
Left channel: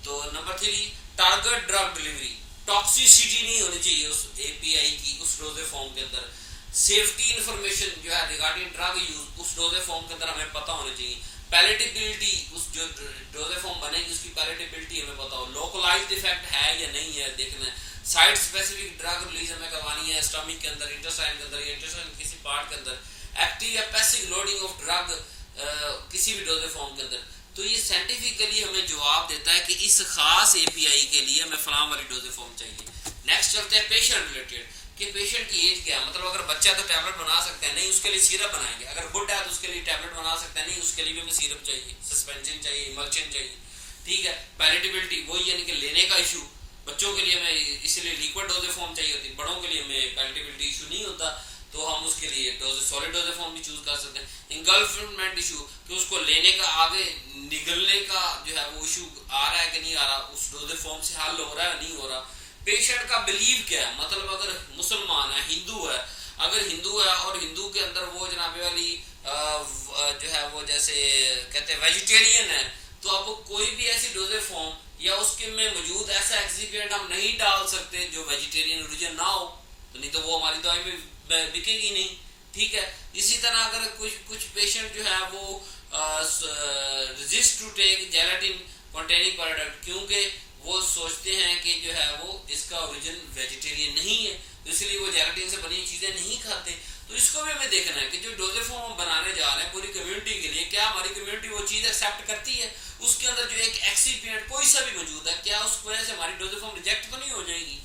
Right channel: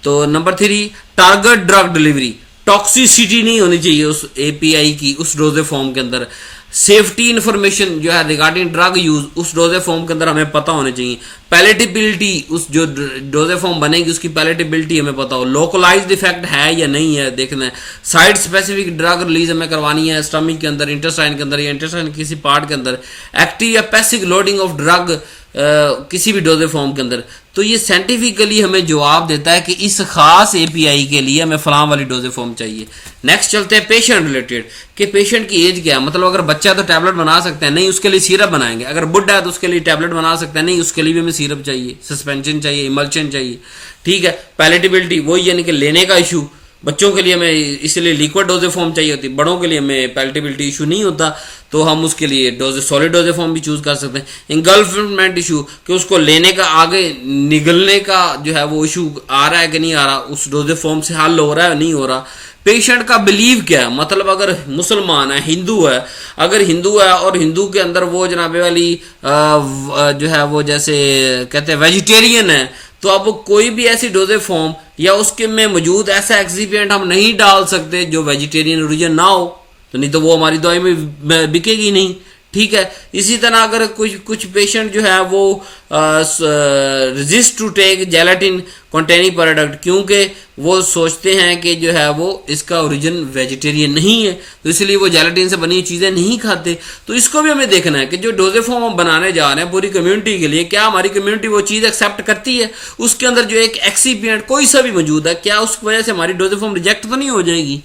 तो number 3, target drug delivery. Toxicity नहीं होनी चाहिए उस एपीआई की उस डोजेफॉर्म के अंदर। सेफ्टी इंफॉर्मेशन जो है रिगार्डिंग ड्रग यूज उस डोजेफॉर्म के अंदर हमें पता होनी चाहिए। पैलेटेबिलिटी, उस जो डोजेफॉर्म बनेगी उसकी पैलेटेबिलिटी हमें पता हो। लोकलाइज्ड इफेक्ट है या नहीं है देखना है। साइड स्पेसिफिक ड्रग रिलीज हमें करवानी है स्टमक के अंदर, इंटेस्टाइन के अंदर, या इंटेस्टाइन किसी पार्ट के अंदर। एक्टिव या पैसिव लोडिंग ऑफ ड्रग किसी भी डोजेफॉर्म के अंदर। तो ये साइंटिफिकली हमें जवाब देता है कि इस खास एपीआई के लिए हमें फलां वाली डोजेफॉर्म चाहिए। नेक्स्ट चलते हैं पेशेंट रिलेटेड, कि पेशेंट की एज क्या है, मतलब अगर बच्चा है तो टैबलेट बना सकते हैं, नहीं उसके लिए सिरप बनाएंगे। अगर बुढ़ा है तो उसके लिए टैबलेट बना सकते हैं, नहीं उसके लिए भी हमें सिरप चाहिए, सस्पेंशन चाहिए, इमल्शन चाहिए, ठीक है। पैलेटेबिलिटी वही, यानी कि लेने का इशू। बच्चों के लिए हमें इसलिए लिक्विड डोजेफॉर्म चाहिए होती, बड़ों के लिए हमें पैलेटेबिलिटी इशू नहीं होता तो हम उसके लिए सॉलिड डोजेफॉर्म भी चूज कर सकते हैं। इंगल्फमेंट इशू, कि उसको लेने का आगे निगलने का जो है वो इशू आ रहा है कि नहीं आ रहा, उस डोजेफॉर्म से हल हो रहा है नहीं हो रहा। पेशेंट का बिलीव क्या है, मतलब अगर मुसलमान है, हिंदू है, अगर हिंदू है और हिंदू के अंदर वो जनाबे वाली जो है वो जैसे कहते हैं वेजिटेरियन है, तो अब कोई भी ऐसी डोजेफॉर्म या उसके में मौजूद ऐसा एक्सीपिएंट हम नहीं डाल सकते जो वेजिटेरियन ओरिजिन ना हो, तो नहीं तो वो हमारी दवाई में बिकेगी नहीं, ठीक है। इसी तरह अगर कुछ पेशेंट जो है वो resist to take gelatin containing product, क्योंकि वो सोचते हैं कि जो है वो इसका ओरिजिन वेजिटेरियन नहीं है, तो इसलिए वो जेलेटिन से बनी चीजें नहीं खाते। तो इसको भी हमें देखना है कि जो डोजेफॉर्म हम बनाने जा रहे हैं पूरी कम्युनिटी के लिए, क्या हमारी कम्युनिटी वो चीज एक्सेप्ट करती है, उसके अंदर जो एक एक्सीपिएंट कोई सा भी मौजूद है, क्या उस वजह से हमारी डोजेफॉर्म रिजेक्ट तो नहीं हो जाएगी।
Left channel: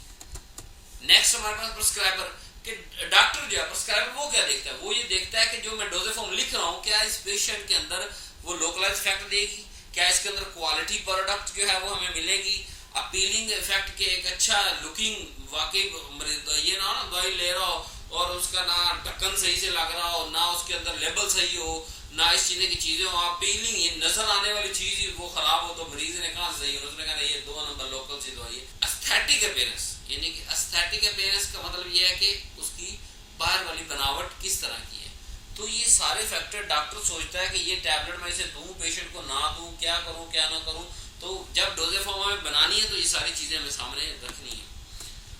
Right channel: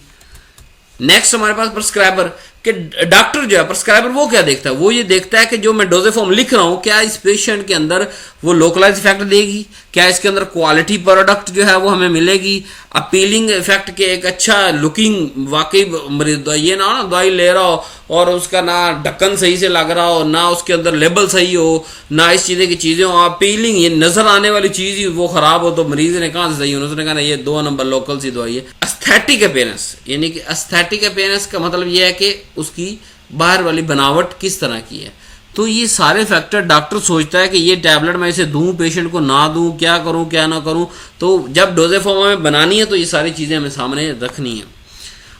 नेक्स्ट हमारे पास प्रिस्क्राइबर, कि डॉक्टर जो है प्रिस्क्राइबर वो क्या देखता है, वो ये देखता है कि जो मैं डोजेफॉर्म लिख रहा हूं क्या इस पेशेंट के अंदर वो लोकलाइज इफेक्ट देगी? क्या इसके अंदर क्वालिटी प्रोडक्ट जो है वो हमें मिलेगी? अपीलिंग इफेक्ट के एक अच्छा लुकिंग, वाकई मरीज ये ना दवाई ले रहा हो और उसका ना ढक्कन सही से लग रहा हो, ना उसके अंदर लेबल सही हो, ना इस चीज़ की चीज़ें हो, अपीलिंग ये नजर आने वाली चीज़ ही वो खराब हो, तो मरीज ने कहाँ से सही होना? उसने कहा ये 2 नंबर लोकल सी दवाई है। एस्थेटिक अपीयरेंस, यानी कि एस्थेटिक अपीयरेंस का मतलब ये है कि उसकी बाहर वाली बनावट किस तरह की है। तो ये सारे फैक्टर डॉक्टर सोचता है कि ये टैबलेट मैं इसे दूं, पेशेंट को ना दूं, क्या करूं क्या ना करूं। तो जब डोजेज फॉर्म में बनानी है तो ये सारी चीज़ें हमें सामने रखनी है।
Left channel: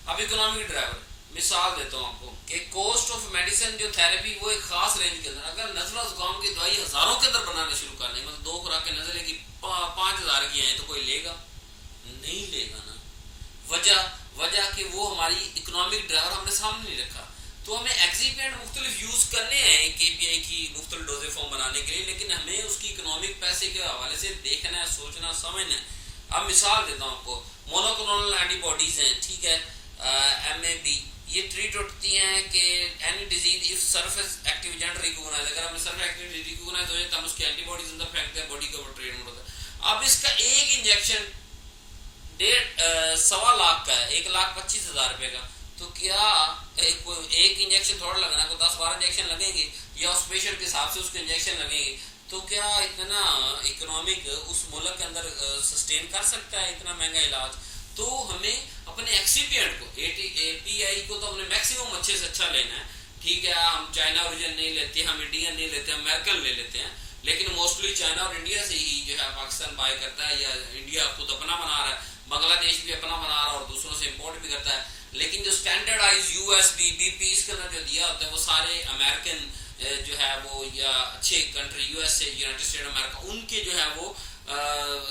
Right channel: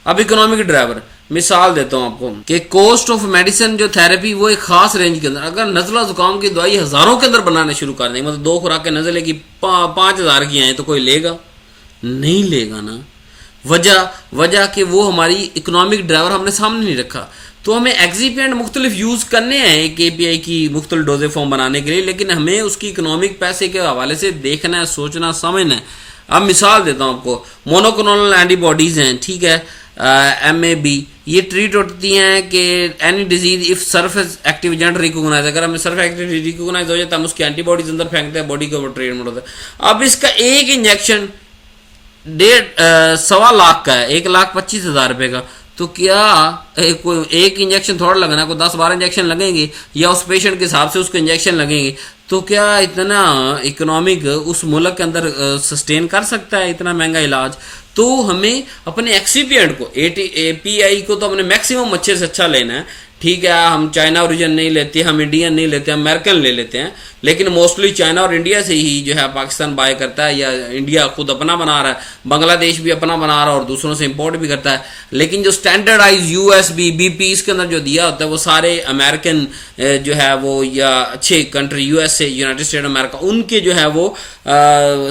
अब इकोनॉमिक ड्राइवर, मिसाल देता हूं आपको कि कॉस्ट ऑफ मेडिसिन जो थेरेपी वो एक खास रेंज के अंदर, अगर नज़ला जुकाम की दवाई हज़ारों के अंदर बनाने शुरू कर देंगे, मतलब 2 खुराकें नज़ले की 5,000 की आए, तो कोई लेगा? नहीं लेगा ना। वजह कि वो हमारी इकोनॉमिक ड्राइवर हमने सामने नहीं रखा। तो हमें एक्सिपिएंट मुख्तलिफ यूज़ करने हैं एक एपीआई की मुख्तलिफ डोजेज फॉर्म बनाने के लिए, लेकिन हमें उसकी इकोनॉमिक पैसे के हवाले से देखना है, सोचना, समझना है। अब मिसाल देता हूँ आपको, मोनोक्लोनल एंटीबॉडीज़ हैं, ठीक है, MAB, ये ट्रीट होती हैं कि any disease if surface active agent recognise, अगर हमें सरफेस एक्टिव रिकोगनाइज हो जाए तो हम उसकी एंटीबॉडीज अंदर फेंकते हैं, बॉडी के ऊपर ट्रीटमेंट होता है। अब इसका एक इंजेक्शन 1.25 लाख का है, 1,25,000 रुपये का। तो क्या कोई एक इंजेक्शन थोड़ा लगना, कोई 10-12 इंजेक्शन लगेंगे या उस पेशेंट के हिसाब से उसको इंजेक्शन लगेंगे? तो क्या इतना इकोनॉमिक उस मुल्क के अंदर सस्टेन कर सकता है इतना महंगा इलाज? तो हमें अपने एक्सीपिएंट को, एपीआई को तो हमने मैक्सिमम अच्छे से अच्छा लेना है। ठीक है, हम चाइना ओरिजिन नहीं लेते, हम इंडियन नहीं लेते, हम अमेरिकन ले लेते हैं, लेकिन मोस्टली चाइना और इंडिया से ही जो है पाकिस्तान बाय करता है, या इंडिया खुद अपना बना रहा है, बांग्लादेश भी अपना बना रहा है और दूसरों से इंपोर्ट भी करता है। लेकिन जो स्टैंडर्डाइज यूएसबी, बीपी इसके अंदर जो दिया होता है वो सारे अमेरिकन जो है वो, या अच्छे country USA, United state America, उनके जो है वो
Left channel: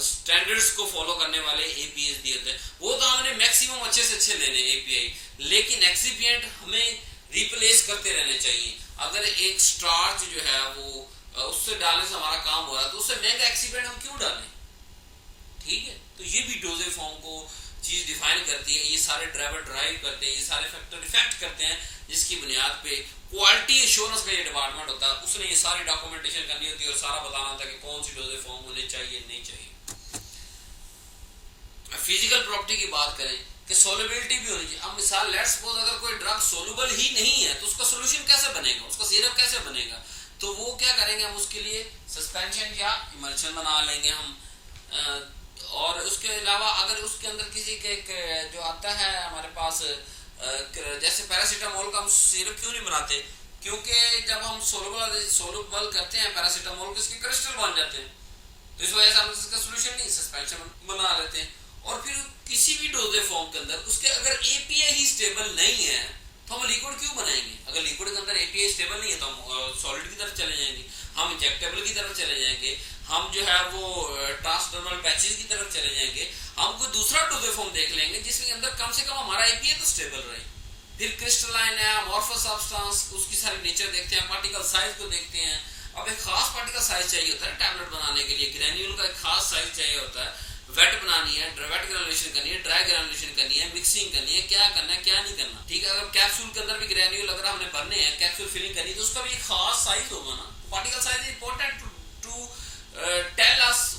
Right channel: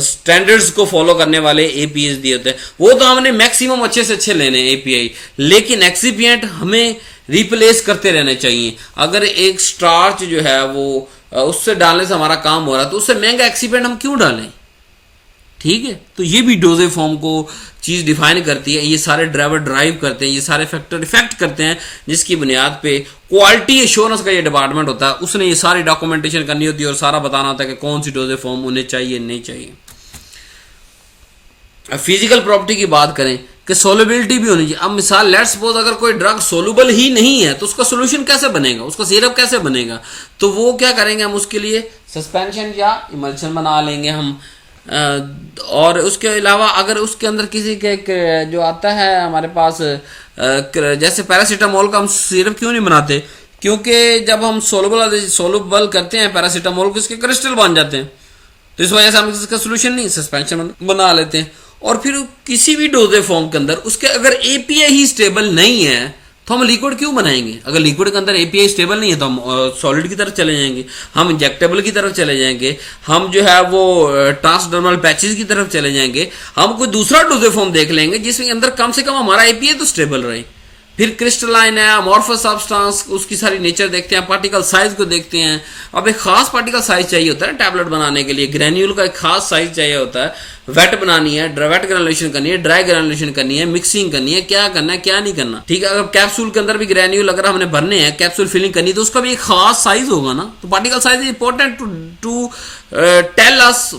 स्टैंडर्ड्स को फॉलो करने वाले एपीआई दिए होते हैं। वो तो हमने मैक्सिमम अच्छे से अच्छे लेने एपीआई, लेकिन एक्सिपिएंट हमें रिप्लेस करते रहने चाहिए। अगर एक स्टार्च जो है वो उससे डालने से हमारा काम हो रहा है तो उससे महंगा एक्सीपेंट हम क्यों डालें? ठीक है, तो ये भी डोजेज फॉर्म को चीज डिफाइन करती है। ये सारे ड्राइवर ड्राइव करते हैं, ये सारे फैक्टर इफेक्ट करते हैं, जिसकी बुनियाद पे क्वालिटी एश्योरेंस का ये डिपार्टमेंट होता है, उसने ये सारी डॉक्यूमेंटेशन करनी होती है और सारा बताना होता है कि कौन सी डोजेज फॉर्म उन्हें चाहिए नहीं चाहिए। अब फिजिकल प्रॉपर्टी की बात करें कि सोलबिलिटी भी होनी चाहिए। अब मिसाल लेट सपोज अगर कोई ड्रग सोलुबल ही नहीं है तो उसका सोल्यूशन कैसे बनेगा, उसका सिरप कैसे बनेगा? तो वो क्या करेंगे, हम उसके लिए सस्पेंशन या इमल्शन बना लेंगे हम। और उसके अलावा अगर उसके अंदर किसी के जो आता है हमारे पास, जैसे पैरासीटामोल का हम सिरप क्यों नहीं बनाते? क्योंकि जब हम सोलुबल करते हैं पैरासीटामोल को, इसके क्रिस्टल बन जाते हैं, तो इस वजह से हम इसका सोल्यूशन नहीं, सस्पेंशन बना लेते हैं। और फिर किसी भी डोजेज फॉर्म के अंदर उसके अगर एपीआई ही स्टेबल नहीं है तो हम लिक्विड क्यों बनाएंगे? अगर लिक्विड के अंदर एपीआई स्टेबल नहीं है तो हम सॉलिड की तरफ चले जाएंगे, हम इंजेक्टेबल की तरफ चले जाएंगे, हम जो है वो ट्रांसडर्मल पैचेस की तरफ चले जाएंगे, हम कोई दूसरा डोजेज फॉर्म देख लेंगे जिसमें अंदर कम से कम हमारा एपीआई तो स्टेबल रहे। फिर क्रिस्टलाइन है, अमॉर्फस सब्सटेंस, उसकी सारी नेचर देखते हैं, पार्टिकल साइज को देखते हैं। अब एक खास पार्टिकल साइज चाहिए होता है टैबलेट बनाने के लिए, ग्रेन्यूल का एक खास साइज चाहिए होता है। वेट बनानी है, वेट ग्रेनुलेशन करनी है, ड्राई ग्रेनुलेशन करनी है, मिक्सिंग करनी है, क्या करना है क्या नहीं करना। ठीक है, अगर कैप्सूल के अंदर भी ग्रेन्यूल अगर हमने भरने हैं, कैप्सूल फिलिंग करनी है, तो उसका भी एक खास साइज होगा ना। तो particle size is important to tell us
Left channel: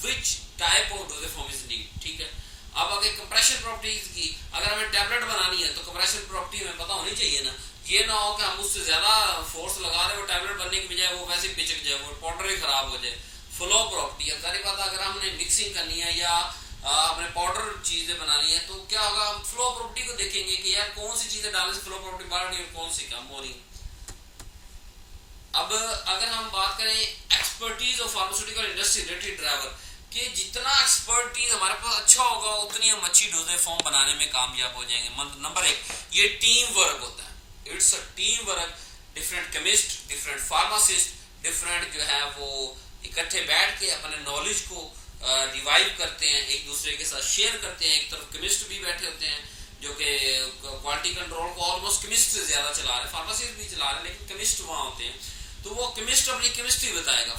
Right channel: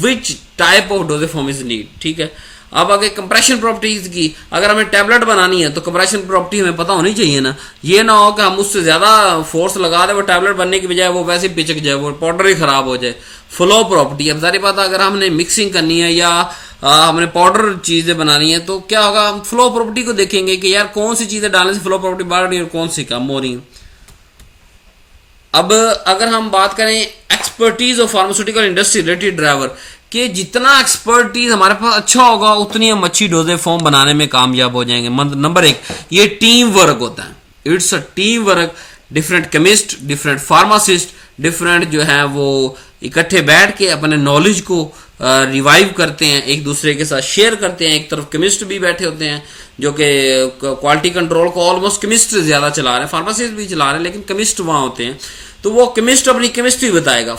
which type of dosage form is need. ठीक है, अब अगर कंप्रेशन प्रॉपर्टीज की, अगर हमें टैबलेट बनानी है तो कंप्रेशन प्रॉपर्टी हमें पता होनी चाहिए ना। ये ना हो कि हम उससे ज्यादा फोर्स लगा दे, वो टैबलेट बनने की बजाय वो वैसे पिचक जाए, वो पाउडर ही खराब हो जाए। फ्लो प्रॉपर्टी, अब सारी बात अगर हमने मिक्सिंग करनी है या हमने पाउडर चीजें बनानी है तो क्या होगा, हम फ्लो प्रॉपर्टी को देखेंगे कि यार कौन सी चीजें डालने से फ्लो प्रॉपर्टी बढ़ रही है और कौन सी कम हो रही है। अब अगर हम बात करें expertise of pharmaceutical industry related driver, कि जितना एक्सपर्टीज हमारे पास अच्छा होगा उतनी हम अच्छी डोजेज फॉर्म बनाने में कामयाब हो जाएंगे। नंबर 1, ये टीम वर्क होता है, it's a team work. Different chemist, different pharmacist, different जो है वो इकट्ठे बैठ के अपने नॉलेज को रिवाइव करते हैं, एक दूसरे के साथ शेयर करते हैं। एक तरफ केमिस्ट भी बैठे होते हैं जो कि क्वालिटी कंट्रोल को ऑलमोस्ट केमिस्ट ज्यादा चला रहे हैं, फार्मासिस्ट भी चला रहे हैं, लेकिन केमिस्ट वहां होते हैं। तो वो केमिस्ट अपनी केमिस्ट्री बताएगा,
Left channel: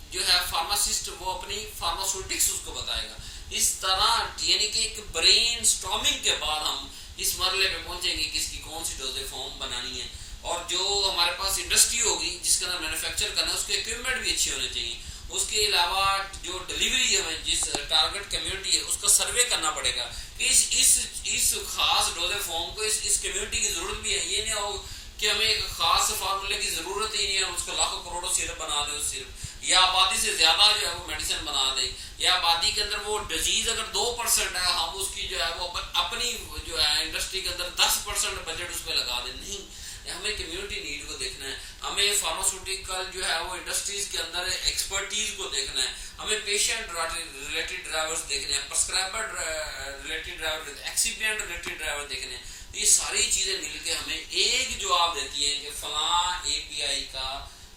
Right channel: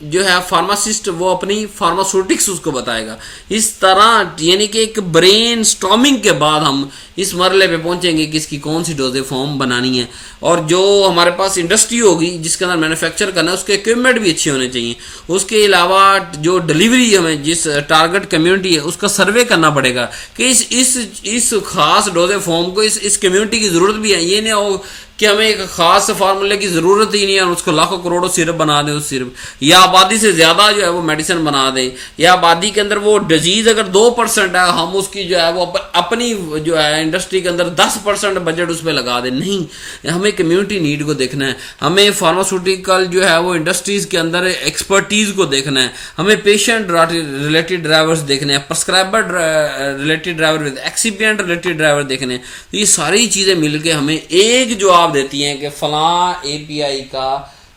जो है फार्मासिस्ट वो अपनी फार्मास्यूटिक्स उसको बताएगा। इस तरह यानी कि एक ब्रेन स्टॉर्मिंग के बाद हम इस मरले पे पहुंचेंगे कि इसकी कौन सी डोजेज फॉर्म बनानी है। और जो हमारे पास इंडस्ट्री होगी जिसके अंदर मैन्युफैक्चर करना है उसके इक्विपमेंट भी अच्छे होने चाहिए। उसके अलावा जो डिलीवरी हमें जिस टारगेट कम्युनिटी है उसका सर्वे करना पड़ेगा कि इस खास डोजेज फॉर्म को इस कम्युनिटी की ज़रूरत भी है। ये नहीं हो कि हमें एक खास फार्मूले की जरूरत ही नहीं है, उसको लाखों करोड़ों सिरप बना दें उस सिरप, या आबादी से ज्यादा जो है वो मेडिसिन बना दें, या आबादी के अंदर वो डिजीज अगर 2% है हम उसकी जो है वो अपनी जो है इंडस्ट्री के अंदर 10% बजट उस पर लगा दें। नहीं, हमें कम्युनिटी नीड को देखना है, हमें फार्मास्यूटिकल जो है वो इंडस्ट्रीज के अंदर एक्सपर्टीज को देखना है, हमें पेशेंट रिलेटेड ड्राइवर्स देखने हैं, prescriber related driver with excipient related driver देखने हैं। तो ये सारी चीजें मिलकर हमें एक जवाब देती हैं कि फलां एपीआई का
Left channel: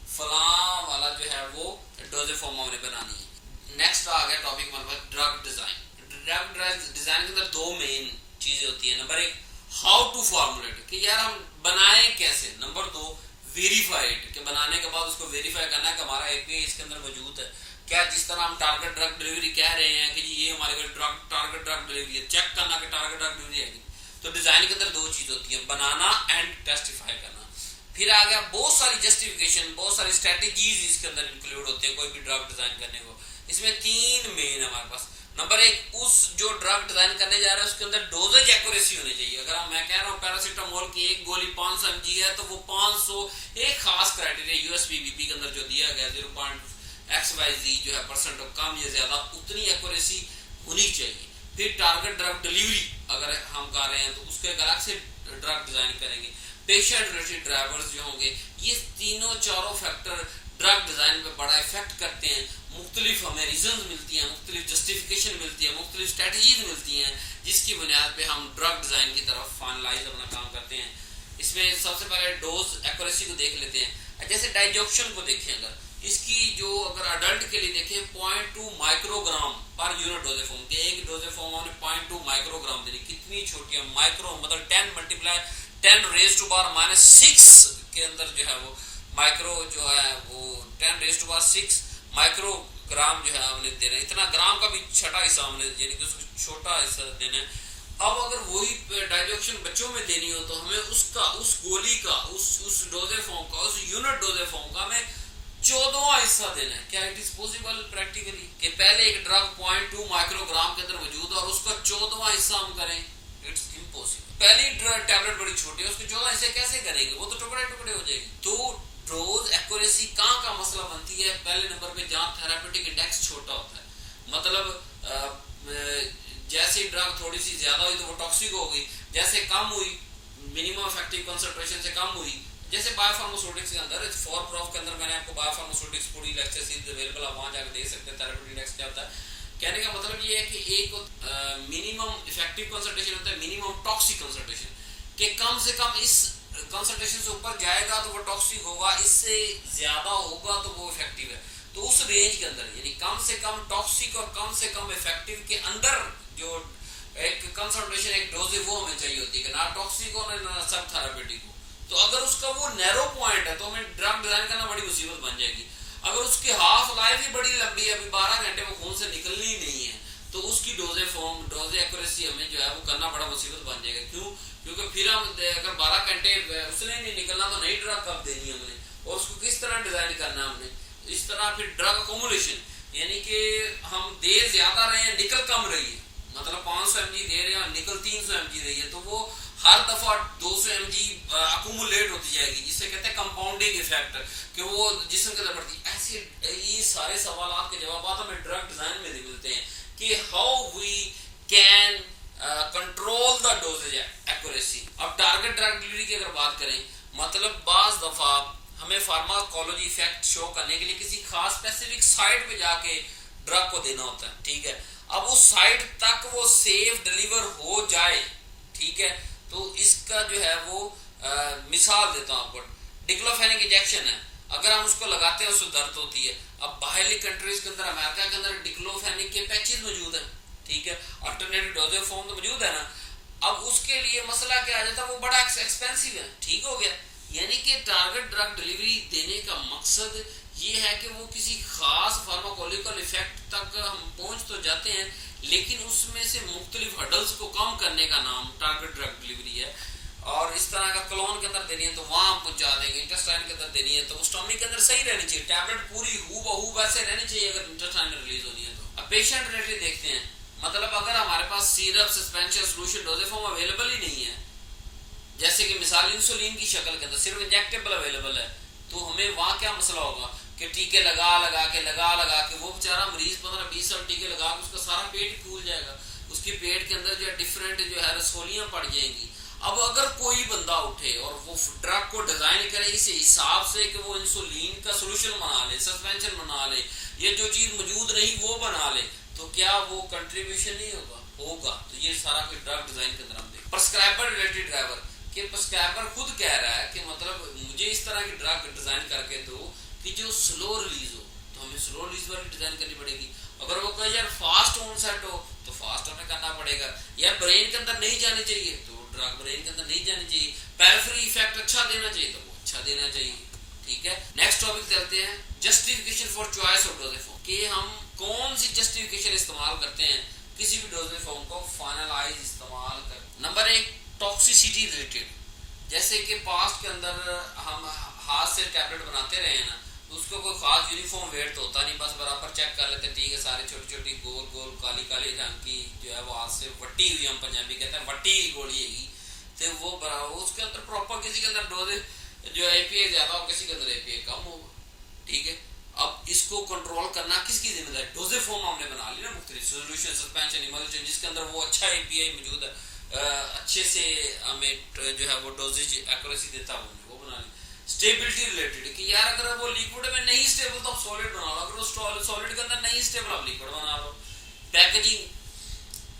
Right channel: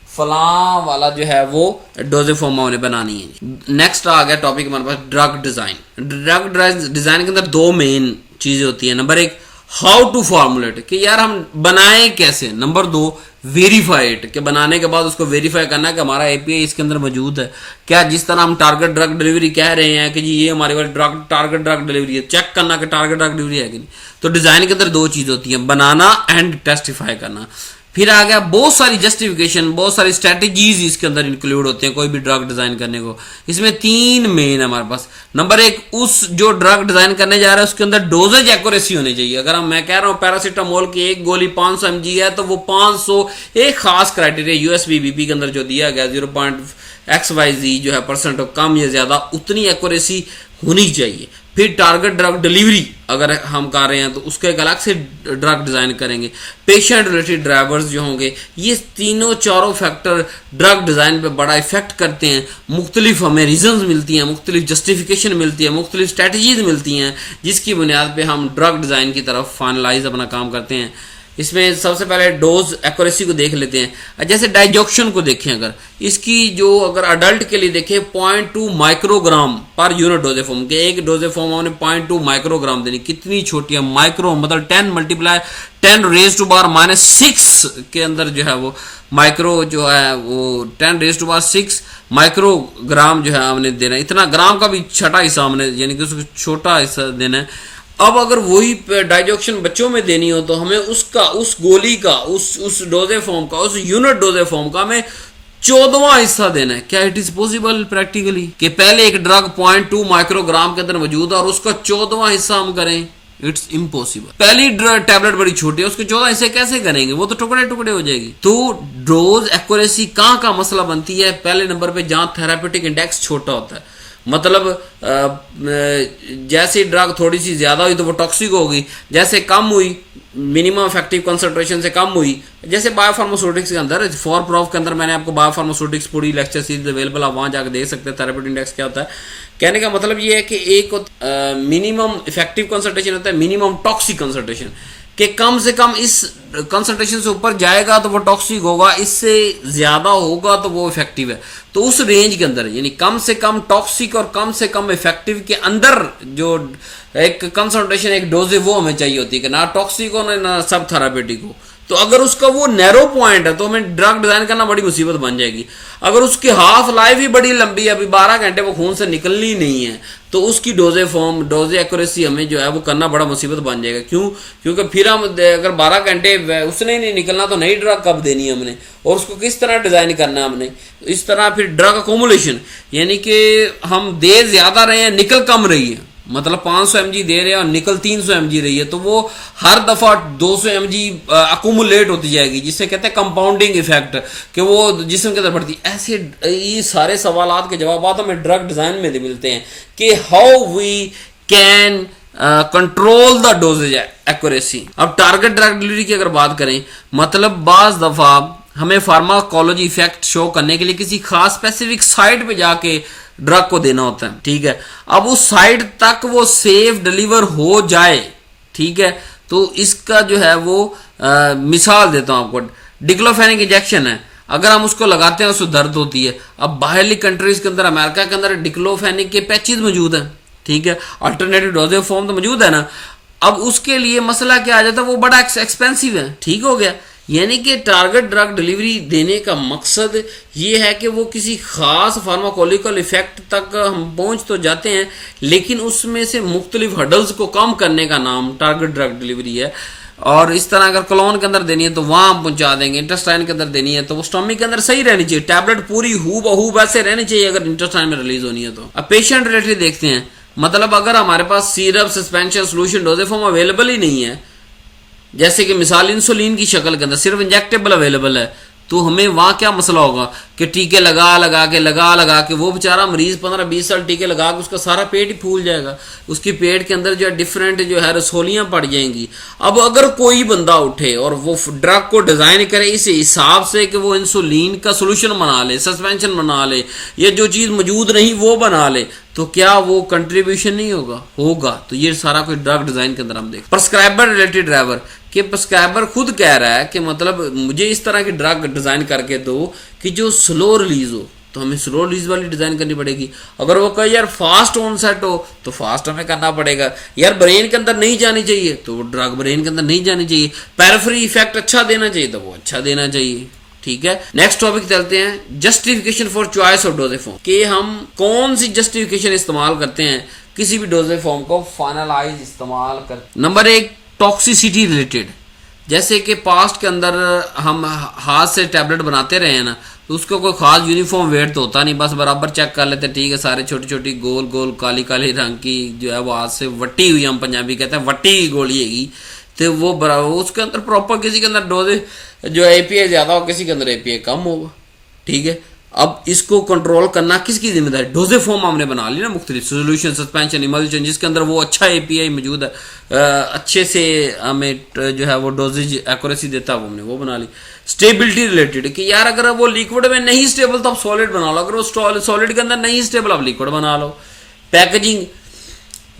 फलां वाला जो है वो डोजेज फॉर्म हमने बनानी है। नेक्स्ट आ गया टॉपिक हमारे पास ड्रग डिजाइन। ड्रग डिजाइन के अंदर दो मेन चीजें होती हैं। नंबर एक, हाउ टू फॉर्मुलेट, कि यार हम बनाएं कैसे। नंबर दो, वेरीफाई इट, कि बनाने के बाद उसको वेरीफाई करना है कि हमारा एपीआई इसके अंदर मौजूद है क्या। जिस तरह हम टारगेट ड्रग डिलीवरी कह रहे हैं कि जी ये हमारे पास टारगेट ड्रग डिलीवरी है, चेक करना कि टारगेट ड्रग डिलीवरी है कि नहीं। तो डिजाइन के अंदर दो चीज होती है, बनाना एंड टेस्टिफाई करना। फिर आ गया बहुत सारी जस्टिफिकेशन, बहुत सारी स्ट्रेटेजीज इसके अंदर इंक्लूड होते हैं कोई भी ड्रग डिजाइन करने को। इसमें तीन मेन है हमारे पास। नंबर एक, उस जो ड्रग डिजाइन करने जा रहा है उसके अंदर डोजेज एक्यूरेसी होनी चाहिए। अगर मैं कह रहा हूं पैरासीटामोल की एक गोली 500 mg है तो वो 500 एक खास क्राइटेरिया यूएसबीबीपी के अंदर जो दिया गया 0.xyz जो है परसेंट कम या ज्यादा उतनी एक्यूरेसी होनी चाहिए। फिर टारगेट ड्रग डिलीवरी अगर हम कर रहे हैं तो उसका एक अलग से ड्रग डिजाइन करेंगे। पेशेंट रिलेटेड ड्राइवर्स जो होंगे, ये तीनों चारों फैक्टर ड्रग डिजाइन पे बड़ा इफेक्ट करते हैं। मुख्तलिफ हमें रीजंस मिलती हैं, मुख्तलिफ जस्टिफिकेशन मिलती है, मुख्तलिफ स्ट्रेटजीज मिलती हैं जिसकी बुनियाद पे हम ड्रग डिजाइन की तरफ फाइनलाइज अपना काम करते हैं। इसमें सबसे पहले डोज एक्यूरेसी को देख लेते हैं। जैसे डाइजॉक्शन को देखें, अगर इसकी जो अगर अडल्ट के लिए देखें 0.2 microgram per unit doses form के, एक डोजेज फॉर्म हमने 0.2 माइक्रोग्राम देनी। कितनी छोटी है, माइक्रो मतलब 10 × 10⁻⁻⁶ के अंदर जो है वो माइक्रो जो है वो 10⁻⁶ माइक्रोग्राम जो है हमने देना है। इतना ग्राम का भी छठा हिस्सा हमने यानी कि उसको छोटा हिस्सा देना है। अब अगर वही डाइजॉक्शन बच्चों में देनी हो तो हमें उसका उस गोली का उस डोजेज फॉर्म का उस यूनिट डोजेज फॉर्म का हमें 14वां हिस्सा देना है। क्या इट इज पॉसिबल प्रैक्टिकली कि पहले एक ड्रग 0.2 माइक्रोग्राम के अंदर मौजूद है और उसका 14वां हिस्सा हम करें? It's impossible. पहली टैबलेट बड़ी छोटी है, उसके 14 हिस्से कैसे करेंगे? वो तो टुकड़े टुकड़े हो जाएगी। तो डोज एक्यूरेसी कहां का मसला बनती है? पहले नंबर पे जहां थेरापेटिक इंडेक्स छोटा होता है, मतलब जैसे ड्रग थोड़ी सी ज्यादा हुई तो वो टॉक्सिक होगी, जैसे कम हुई मिनिमम इफेक्टिव कंसंट्रेशन से कम हुई, जैसे बायोफार्मास्यूटिक्स के अंदर 4 प्रोफ के अंदर मैंने आपको बायोफार्मास्यूटिक्स पूरी लेक्चर सीरीज अवेलेबल, आप वहां जाकर देख सकते हैं थेरापेटिक इंडेक्स क्या होता है। कहने का मतलब ये है कि एक मिनिमम इफेक्टिव कंसंट्रेशन होता है, मिनिमम टॉक्सिक कंसंट्रेशन, कि कम से कम इस कंसंट्रेशन से ऊपर जाएगा तो वो टॉक्सिक होगा, इससे ज्यादा होगा तो वो इफेक्टिव है। तो उस रेंज के अंदर यानी कम से कम टॉक्सिक और कम से कम इफेक्टिव के अंदर जो एक कंसंट्रेशन एक डोज है वो हमें चाहिए होती है कि ना टॉक्सिक हो ना सब थेरापेटिक हो। तो अगर उसका वो नैरो पॉइंट है तो हमें ड्रग डिजाइन करना बड़ी मुसीबत बन जाएगी। अगर उसकी हाफ लाइफ ही बड़ी लंबी है, अभी 12 घंटे वो खून से निकलनी नहीं है, तो उसकी डोज एक्यूरेसी हमें जो है वो करना बड़ा मुसीबत बन जाएगा। क्यों? क्योंकि फिर हम अगर 12 घंटे उसने नहीं निकलना तो नई ड्रग कब देनी है हमने, और उसको किस तरह डिजाइन करना है हमने। इस तरह फिर ड्रग अकोमुलेशन यानी कि हम दे ज्यादा रहे हैं निकल कम रही है, मतलब 500 mg दे रहे हैं और निकल 300 mg रही है, तो वो हर दफा 200 mg अकोमुलेट होती जाएगी, जिसे कहते हैं कंपाउंडिंग इफेक्ट, कि वो जिस्म के अंदर बढ़ती। ऐसे ये सारे सवालात के जवाब हमें ड्रग डिजाइन में मिलते हैं कि how we can control the dosage accuracy. अब टारगेट ड्रग डिलीवरी की अगर बात करें, मतलब बाज दफा हमें फार्माकोलॉजी इफेक्ट शो करने के लिए किसी खास स्पेसिफिक साइट पे जाके ड्रग को देना होता है, ठीक है। अब उस साइड तक वो सेफ डिलीवर हो जाए, ठीक है, तो इसका जो है वो मिसाल देता हूं आपको, डिक्लोफेनिक इंजेक्शन है, अगर हम उसको लगाते हैं उसको दर्द होती है। अब बाहरली कंट्रीज के अंदर, अमेरिका के अंदर डिक्लोफेनिक के पैचेज मौजूद हैं, ठीक है, अल्टरनेटिव डोजेज फॉर्म तो मौजूद है ना। अब उसके लिए मसला क्या आ जाता है, वो बड़ा एक्सपेंसिव है, ठीक हो गया। यानी कि टारगेट ड्रग डिलीवरी देने का मकसद ये है कि वो किसी खास फार्माकोलिकल इफेक्ट तक हम पहुंच तो जाते हैं, लेकिन उसमें से मुख्तलिफ हर्डल्स को कम करने का नाम टारगेट ड्रग डिलीवरी है। और इस तरह अगर कोलोन के अंदर देनी है तो वहां हम पहुंचा देंगे, इंटेस्टाइन के अंदर देनी है तो वो स्टमक के अंदर सही रहनी चाहिए, टैबलेट पूरी हूबहू वैसे रहनी चाहिए अगर इंटेस्टाइन में रिलीज होनी है तो। अब पेशेंट रिलेटेड देखते हैं, मतलब अगर हमारे पास syrup, suspension, solution, dosage form available ही नहीं है, जैसे कि मिसाल इंसुलिन की शक्ल के अंदर सिर्फ इंजेक्टेबल अवेलेबल है, तो हमें वहां क्या मसला होगा कि टीके लगा के वो बेचारा मरीज 15-20 साल टीके लगा के उसका सारा पेट ही फूल जाएगा, उसकी पेट के अंदर जो है डिफरेंट जो है रसोलियां पड़ जाएंगी। अब अगर कोई बंदा उठे और वो ड्रग को डिजाइन करे इस हिसाब से कि वो इंसुलिन का सोल्यूशन बना ले, सस्पेंशन बना ले, या जो चीज मौजूद नहीं वो बना ले, तो क्या वो कंट्रीब्यूशन नहीं होगा। तो ये सारा कुछ ड्रग डिजाइन के अंदर हम देख। प्रिस्क्राइबर रिलेटेड ड्राइवर कि प्रिस्क्राइबर खुद कह रहा है कि मतलब मुझे इस तरह की ड्रग डिजाइन करके दो कि जो स्लो रिलीज हो, तो हमें स्लो रिलीज वाली डिजाइन करनी पड़ेगी। अगर वो कहे यार फास्ट ऑनसेट हो तो फास्ट हमें करना पड़ेगा। यार ब्रेन के अंदर नहीं जानी चाहिए तो वो ड्रग ब्रेन के अंदर नहीं जानी चाहिए। पेरिफेरी इफेक्ट अच्छा देना चाहिए तो वो अच्छा देना चाहिए। ठीक है, नेक्स्ट टॉपिक चलते हैं, justification for choice of dosage form, कि हम कौन सी जस्टिफिकेशन इस्तेमाल करते हैं किसी भी डोजेज फॉर्म को फाइनलाइज इस्तेमाल कर। नंबर 1, टॉक्सिसिटी रिलेटेड, जैसे कि पास्ट के अंदर हम हाथ से टैबलेट बनाते रहे हैं ना, तो उसका कोई खास यूनिफॉर्म वेट तो होता नहीं, बस बराबर चेक कर लेते, ठीक है सारे छोटी छोटी गोल गोल काली काली रंग की जो है वो हाथ से वट्टी हुई, हम पंजाबी कहते हैं वट्टी की गोली हैगी, तो वो बराबर उसके अंदर प्रॉपर किसी के अंदर डोजेज जो एपीआई ज्यादा हो, किसी के अंदर एपीआई कम होगा। ठीक है, अब इसको कंट्रोल करना किसकी जिम्मेदारी? डोजेज फॉर्म हमने बना ली ना, मुख्तलिफ सोल्यूशन, सस्पेंशन, इमल्शन, जिसके अंदर वो अच्छा एपीआई मौजूद है, अच्छे से हमें जो है वो डोजेज एक्यूरेसी देता है, वो हमने वो बना ली। स्टेबिलिटी रिलेटेड कि यार अगर वो लिक्विड में नहीं स्टेबल तो आप सॉलिड बना लो, अगर वो सॉलिड के अंदर नहीं स्टेबल आप लिक्विड बना लो। Packaging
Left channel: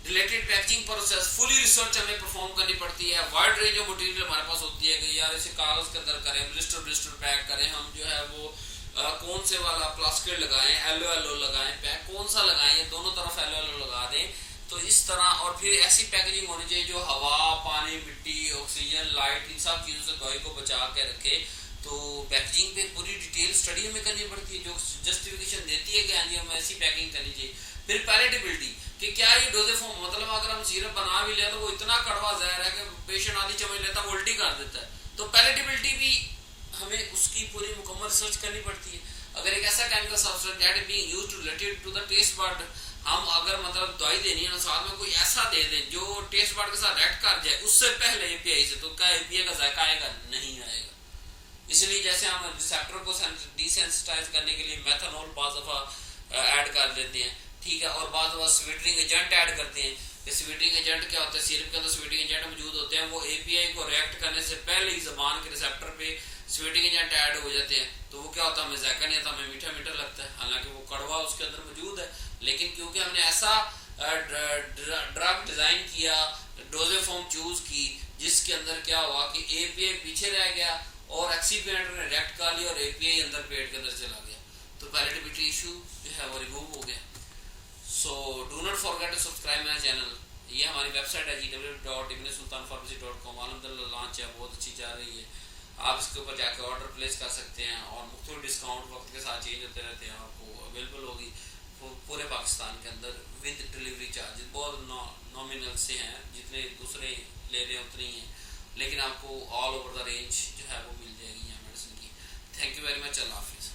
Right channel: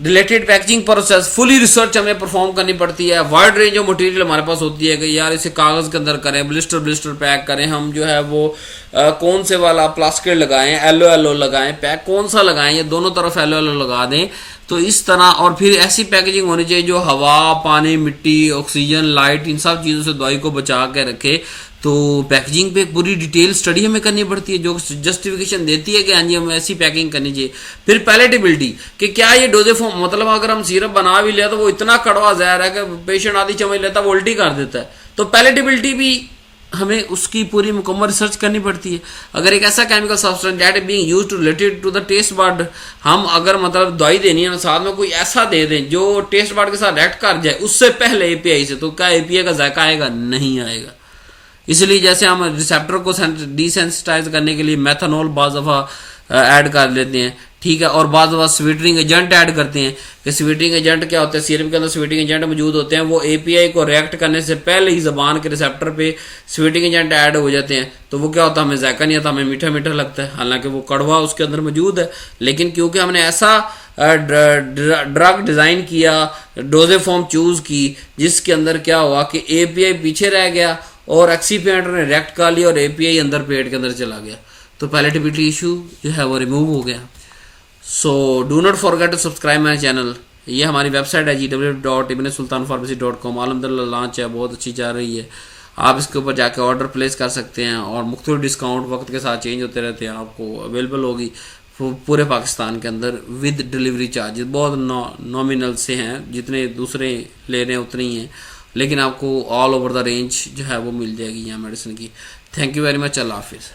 related packaging process fully research हमें परफॉर्म करनी पड़ती है। वाइड रेंज ऑफ मटेरियल हमारे पास होती है कि यार इसे कागज के अंदर करें, ब्लिस्टर पैक करें, हम जो है वो कौन से वाला प्लास्टिक लगाएं, एलो लगाएं, पैक कौन सा लगाएं, ये दोनों तरफ एलो लगा दें। तो इस तरह, और फिर ऐसी पैकेजिंग होनी चाहिए जो हवा, पानी, मिट्टी, ऑक्सीजन, लाइट, इन सब चीज़ों से दवाई को बचा के रखे। तो पैकेजिंग पे पूरी डिटेल स्टडी हमें करनी पड़ती है जो जस्टिफिकेशन देती है कि हाँ जी हमें ऐसी पैकिंग करनी चाहिए। फिर पैलेटेबिलिटी कि क्या ये डोजेज फॉर्म, मतलब अगर हम सिरप बना भी लिया तो वो इतना कड़वा जहर है कि पेशेंट आधी चम्मच लेता है वो उल्टी कर देता है। तो पैलेटेबिलिटी भी हमें उसकी पूरी मुकम्मल रिसर्च करनी पड़ती है। अगर एक ऐसा chemical substance that is being used related to the taste bud, हम अगर मतलब दवाई देनी है ना, साथ में कोई ऐसा दे दें जो टेस्ट बड के साथ रिएक्ट कर जाए उससे पहले एपीआई से, तो क्या एपीआई का जायका आएगा? नहीं आएगा। इसलिए जैसे हम रिसेप्टर को डिसेंसिटाइज करने के लिए मेथनॉल बाज़ दफ़ा ऐड कर लेते हैं, ठीक है, और बाज़ दफ़ा स्वीटनिंग एजेंट ऐड करते हैं। कि स्वीटनिंग एजेंट क्या होता है? सीरम के अंदर स्वीटनिंग एजेंट मौजूद होते हैं, वो एपीआई को रिएक्ट करने से पहले ही ज़बान के रिसेप्टर पे स्वीटनिंग एजेंट ऐड हो जाते हैं। तो वो क्या होता है? हमें जायका नहीं आता, हमें मीठा मीठा लगता है, हालांकि वो कड़वा उसके अंदर मौजूद है। लेकिन क्योंकि हमने ऐसा ड्रग डिज़ाइन किया, डोजेज फॉर्म चूज़ की, जिसके अंदर क्या हुआ कि एपीआई पीछे रह गया और एक्सीपिएंट ने रिएक्ट कर लिया और एपीआई अंदर पेट के अंदर चला गया, तो पैलेटेबिलिटी इशू जो है वो रिमूव हो गया। So do not forget to subscribe my channel. ये हमारी वेबसाइट है www.ibnsultanpharmacy.com। अलहमदुलिल्लाह लॉन्च है, बहुत अच्छी चल रही है। आप इसके ऊपर जाके ऑर्डर प्लेस कर सकते हैं और मुख्तलिफ डिस्काउंट वक्त के साथ चेंज होते रहते हैं, आपको अवेलेबल होगी पूरे पाकिस्तान के अंदर विद डिलीवरी चार्जेस। बहुत नॉमिनल से हैं, जितने दूसरे ले रहे हैं उतने ही हैं, लेकिन आपको ऑल ओवर द रेंज जो है वो मिल जाएगी यहाँ मेडिसिन की। थैंक यू वेरी मच, अल्लाह हाफिज़।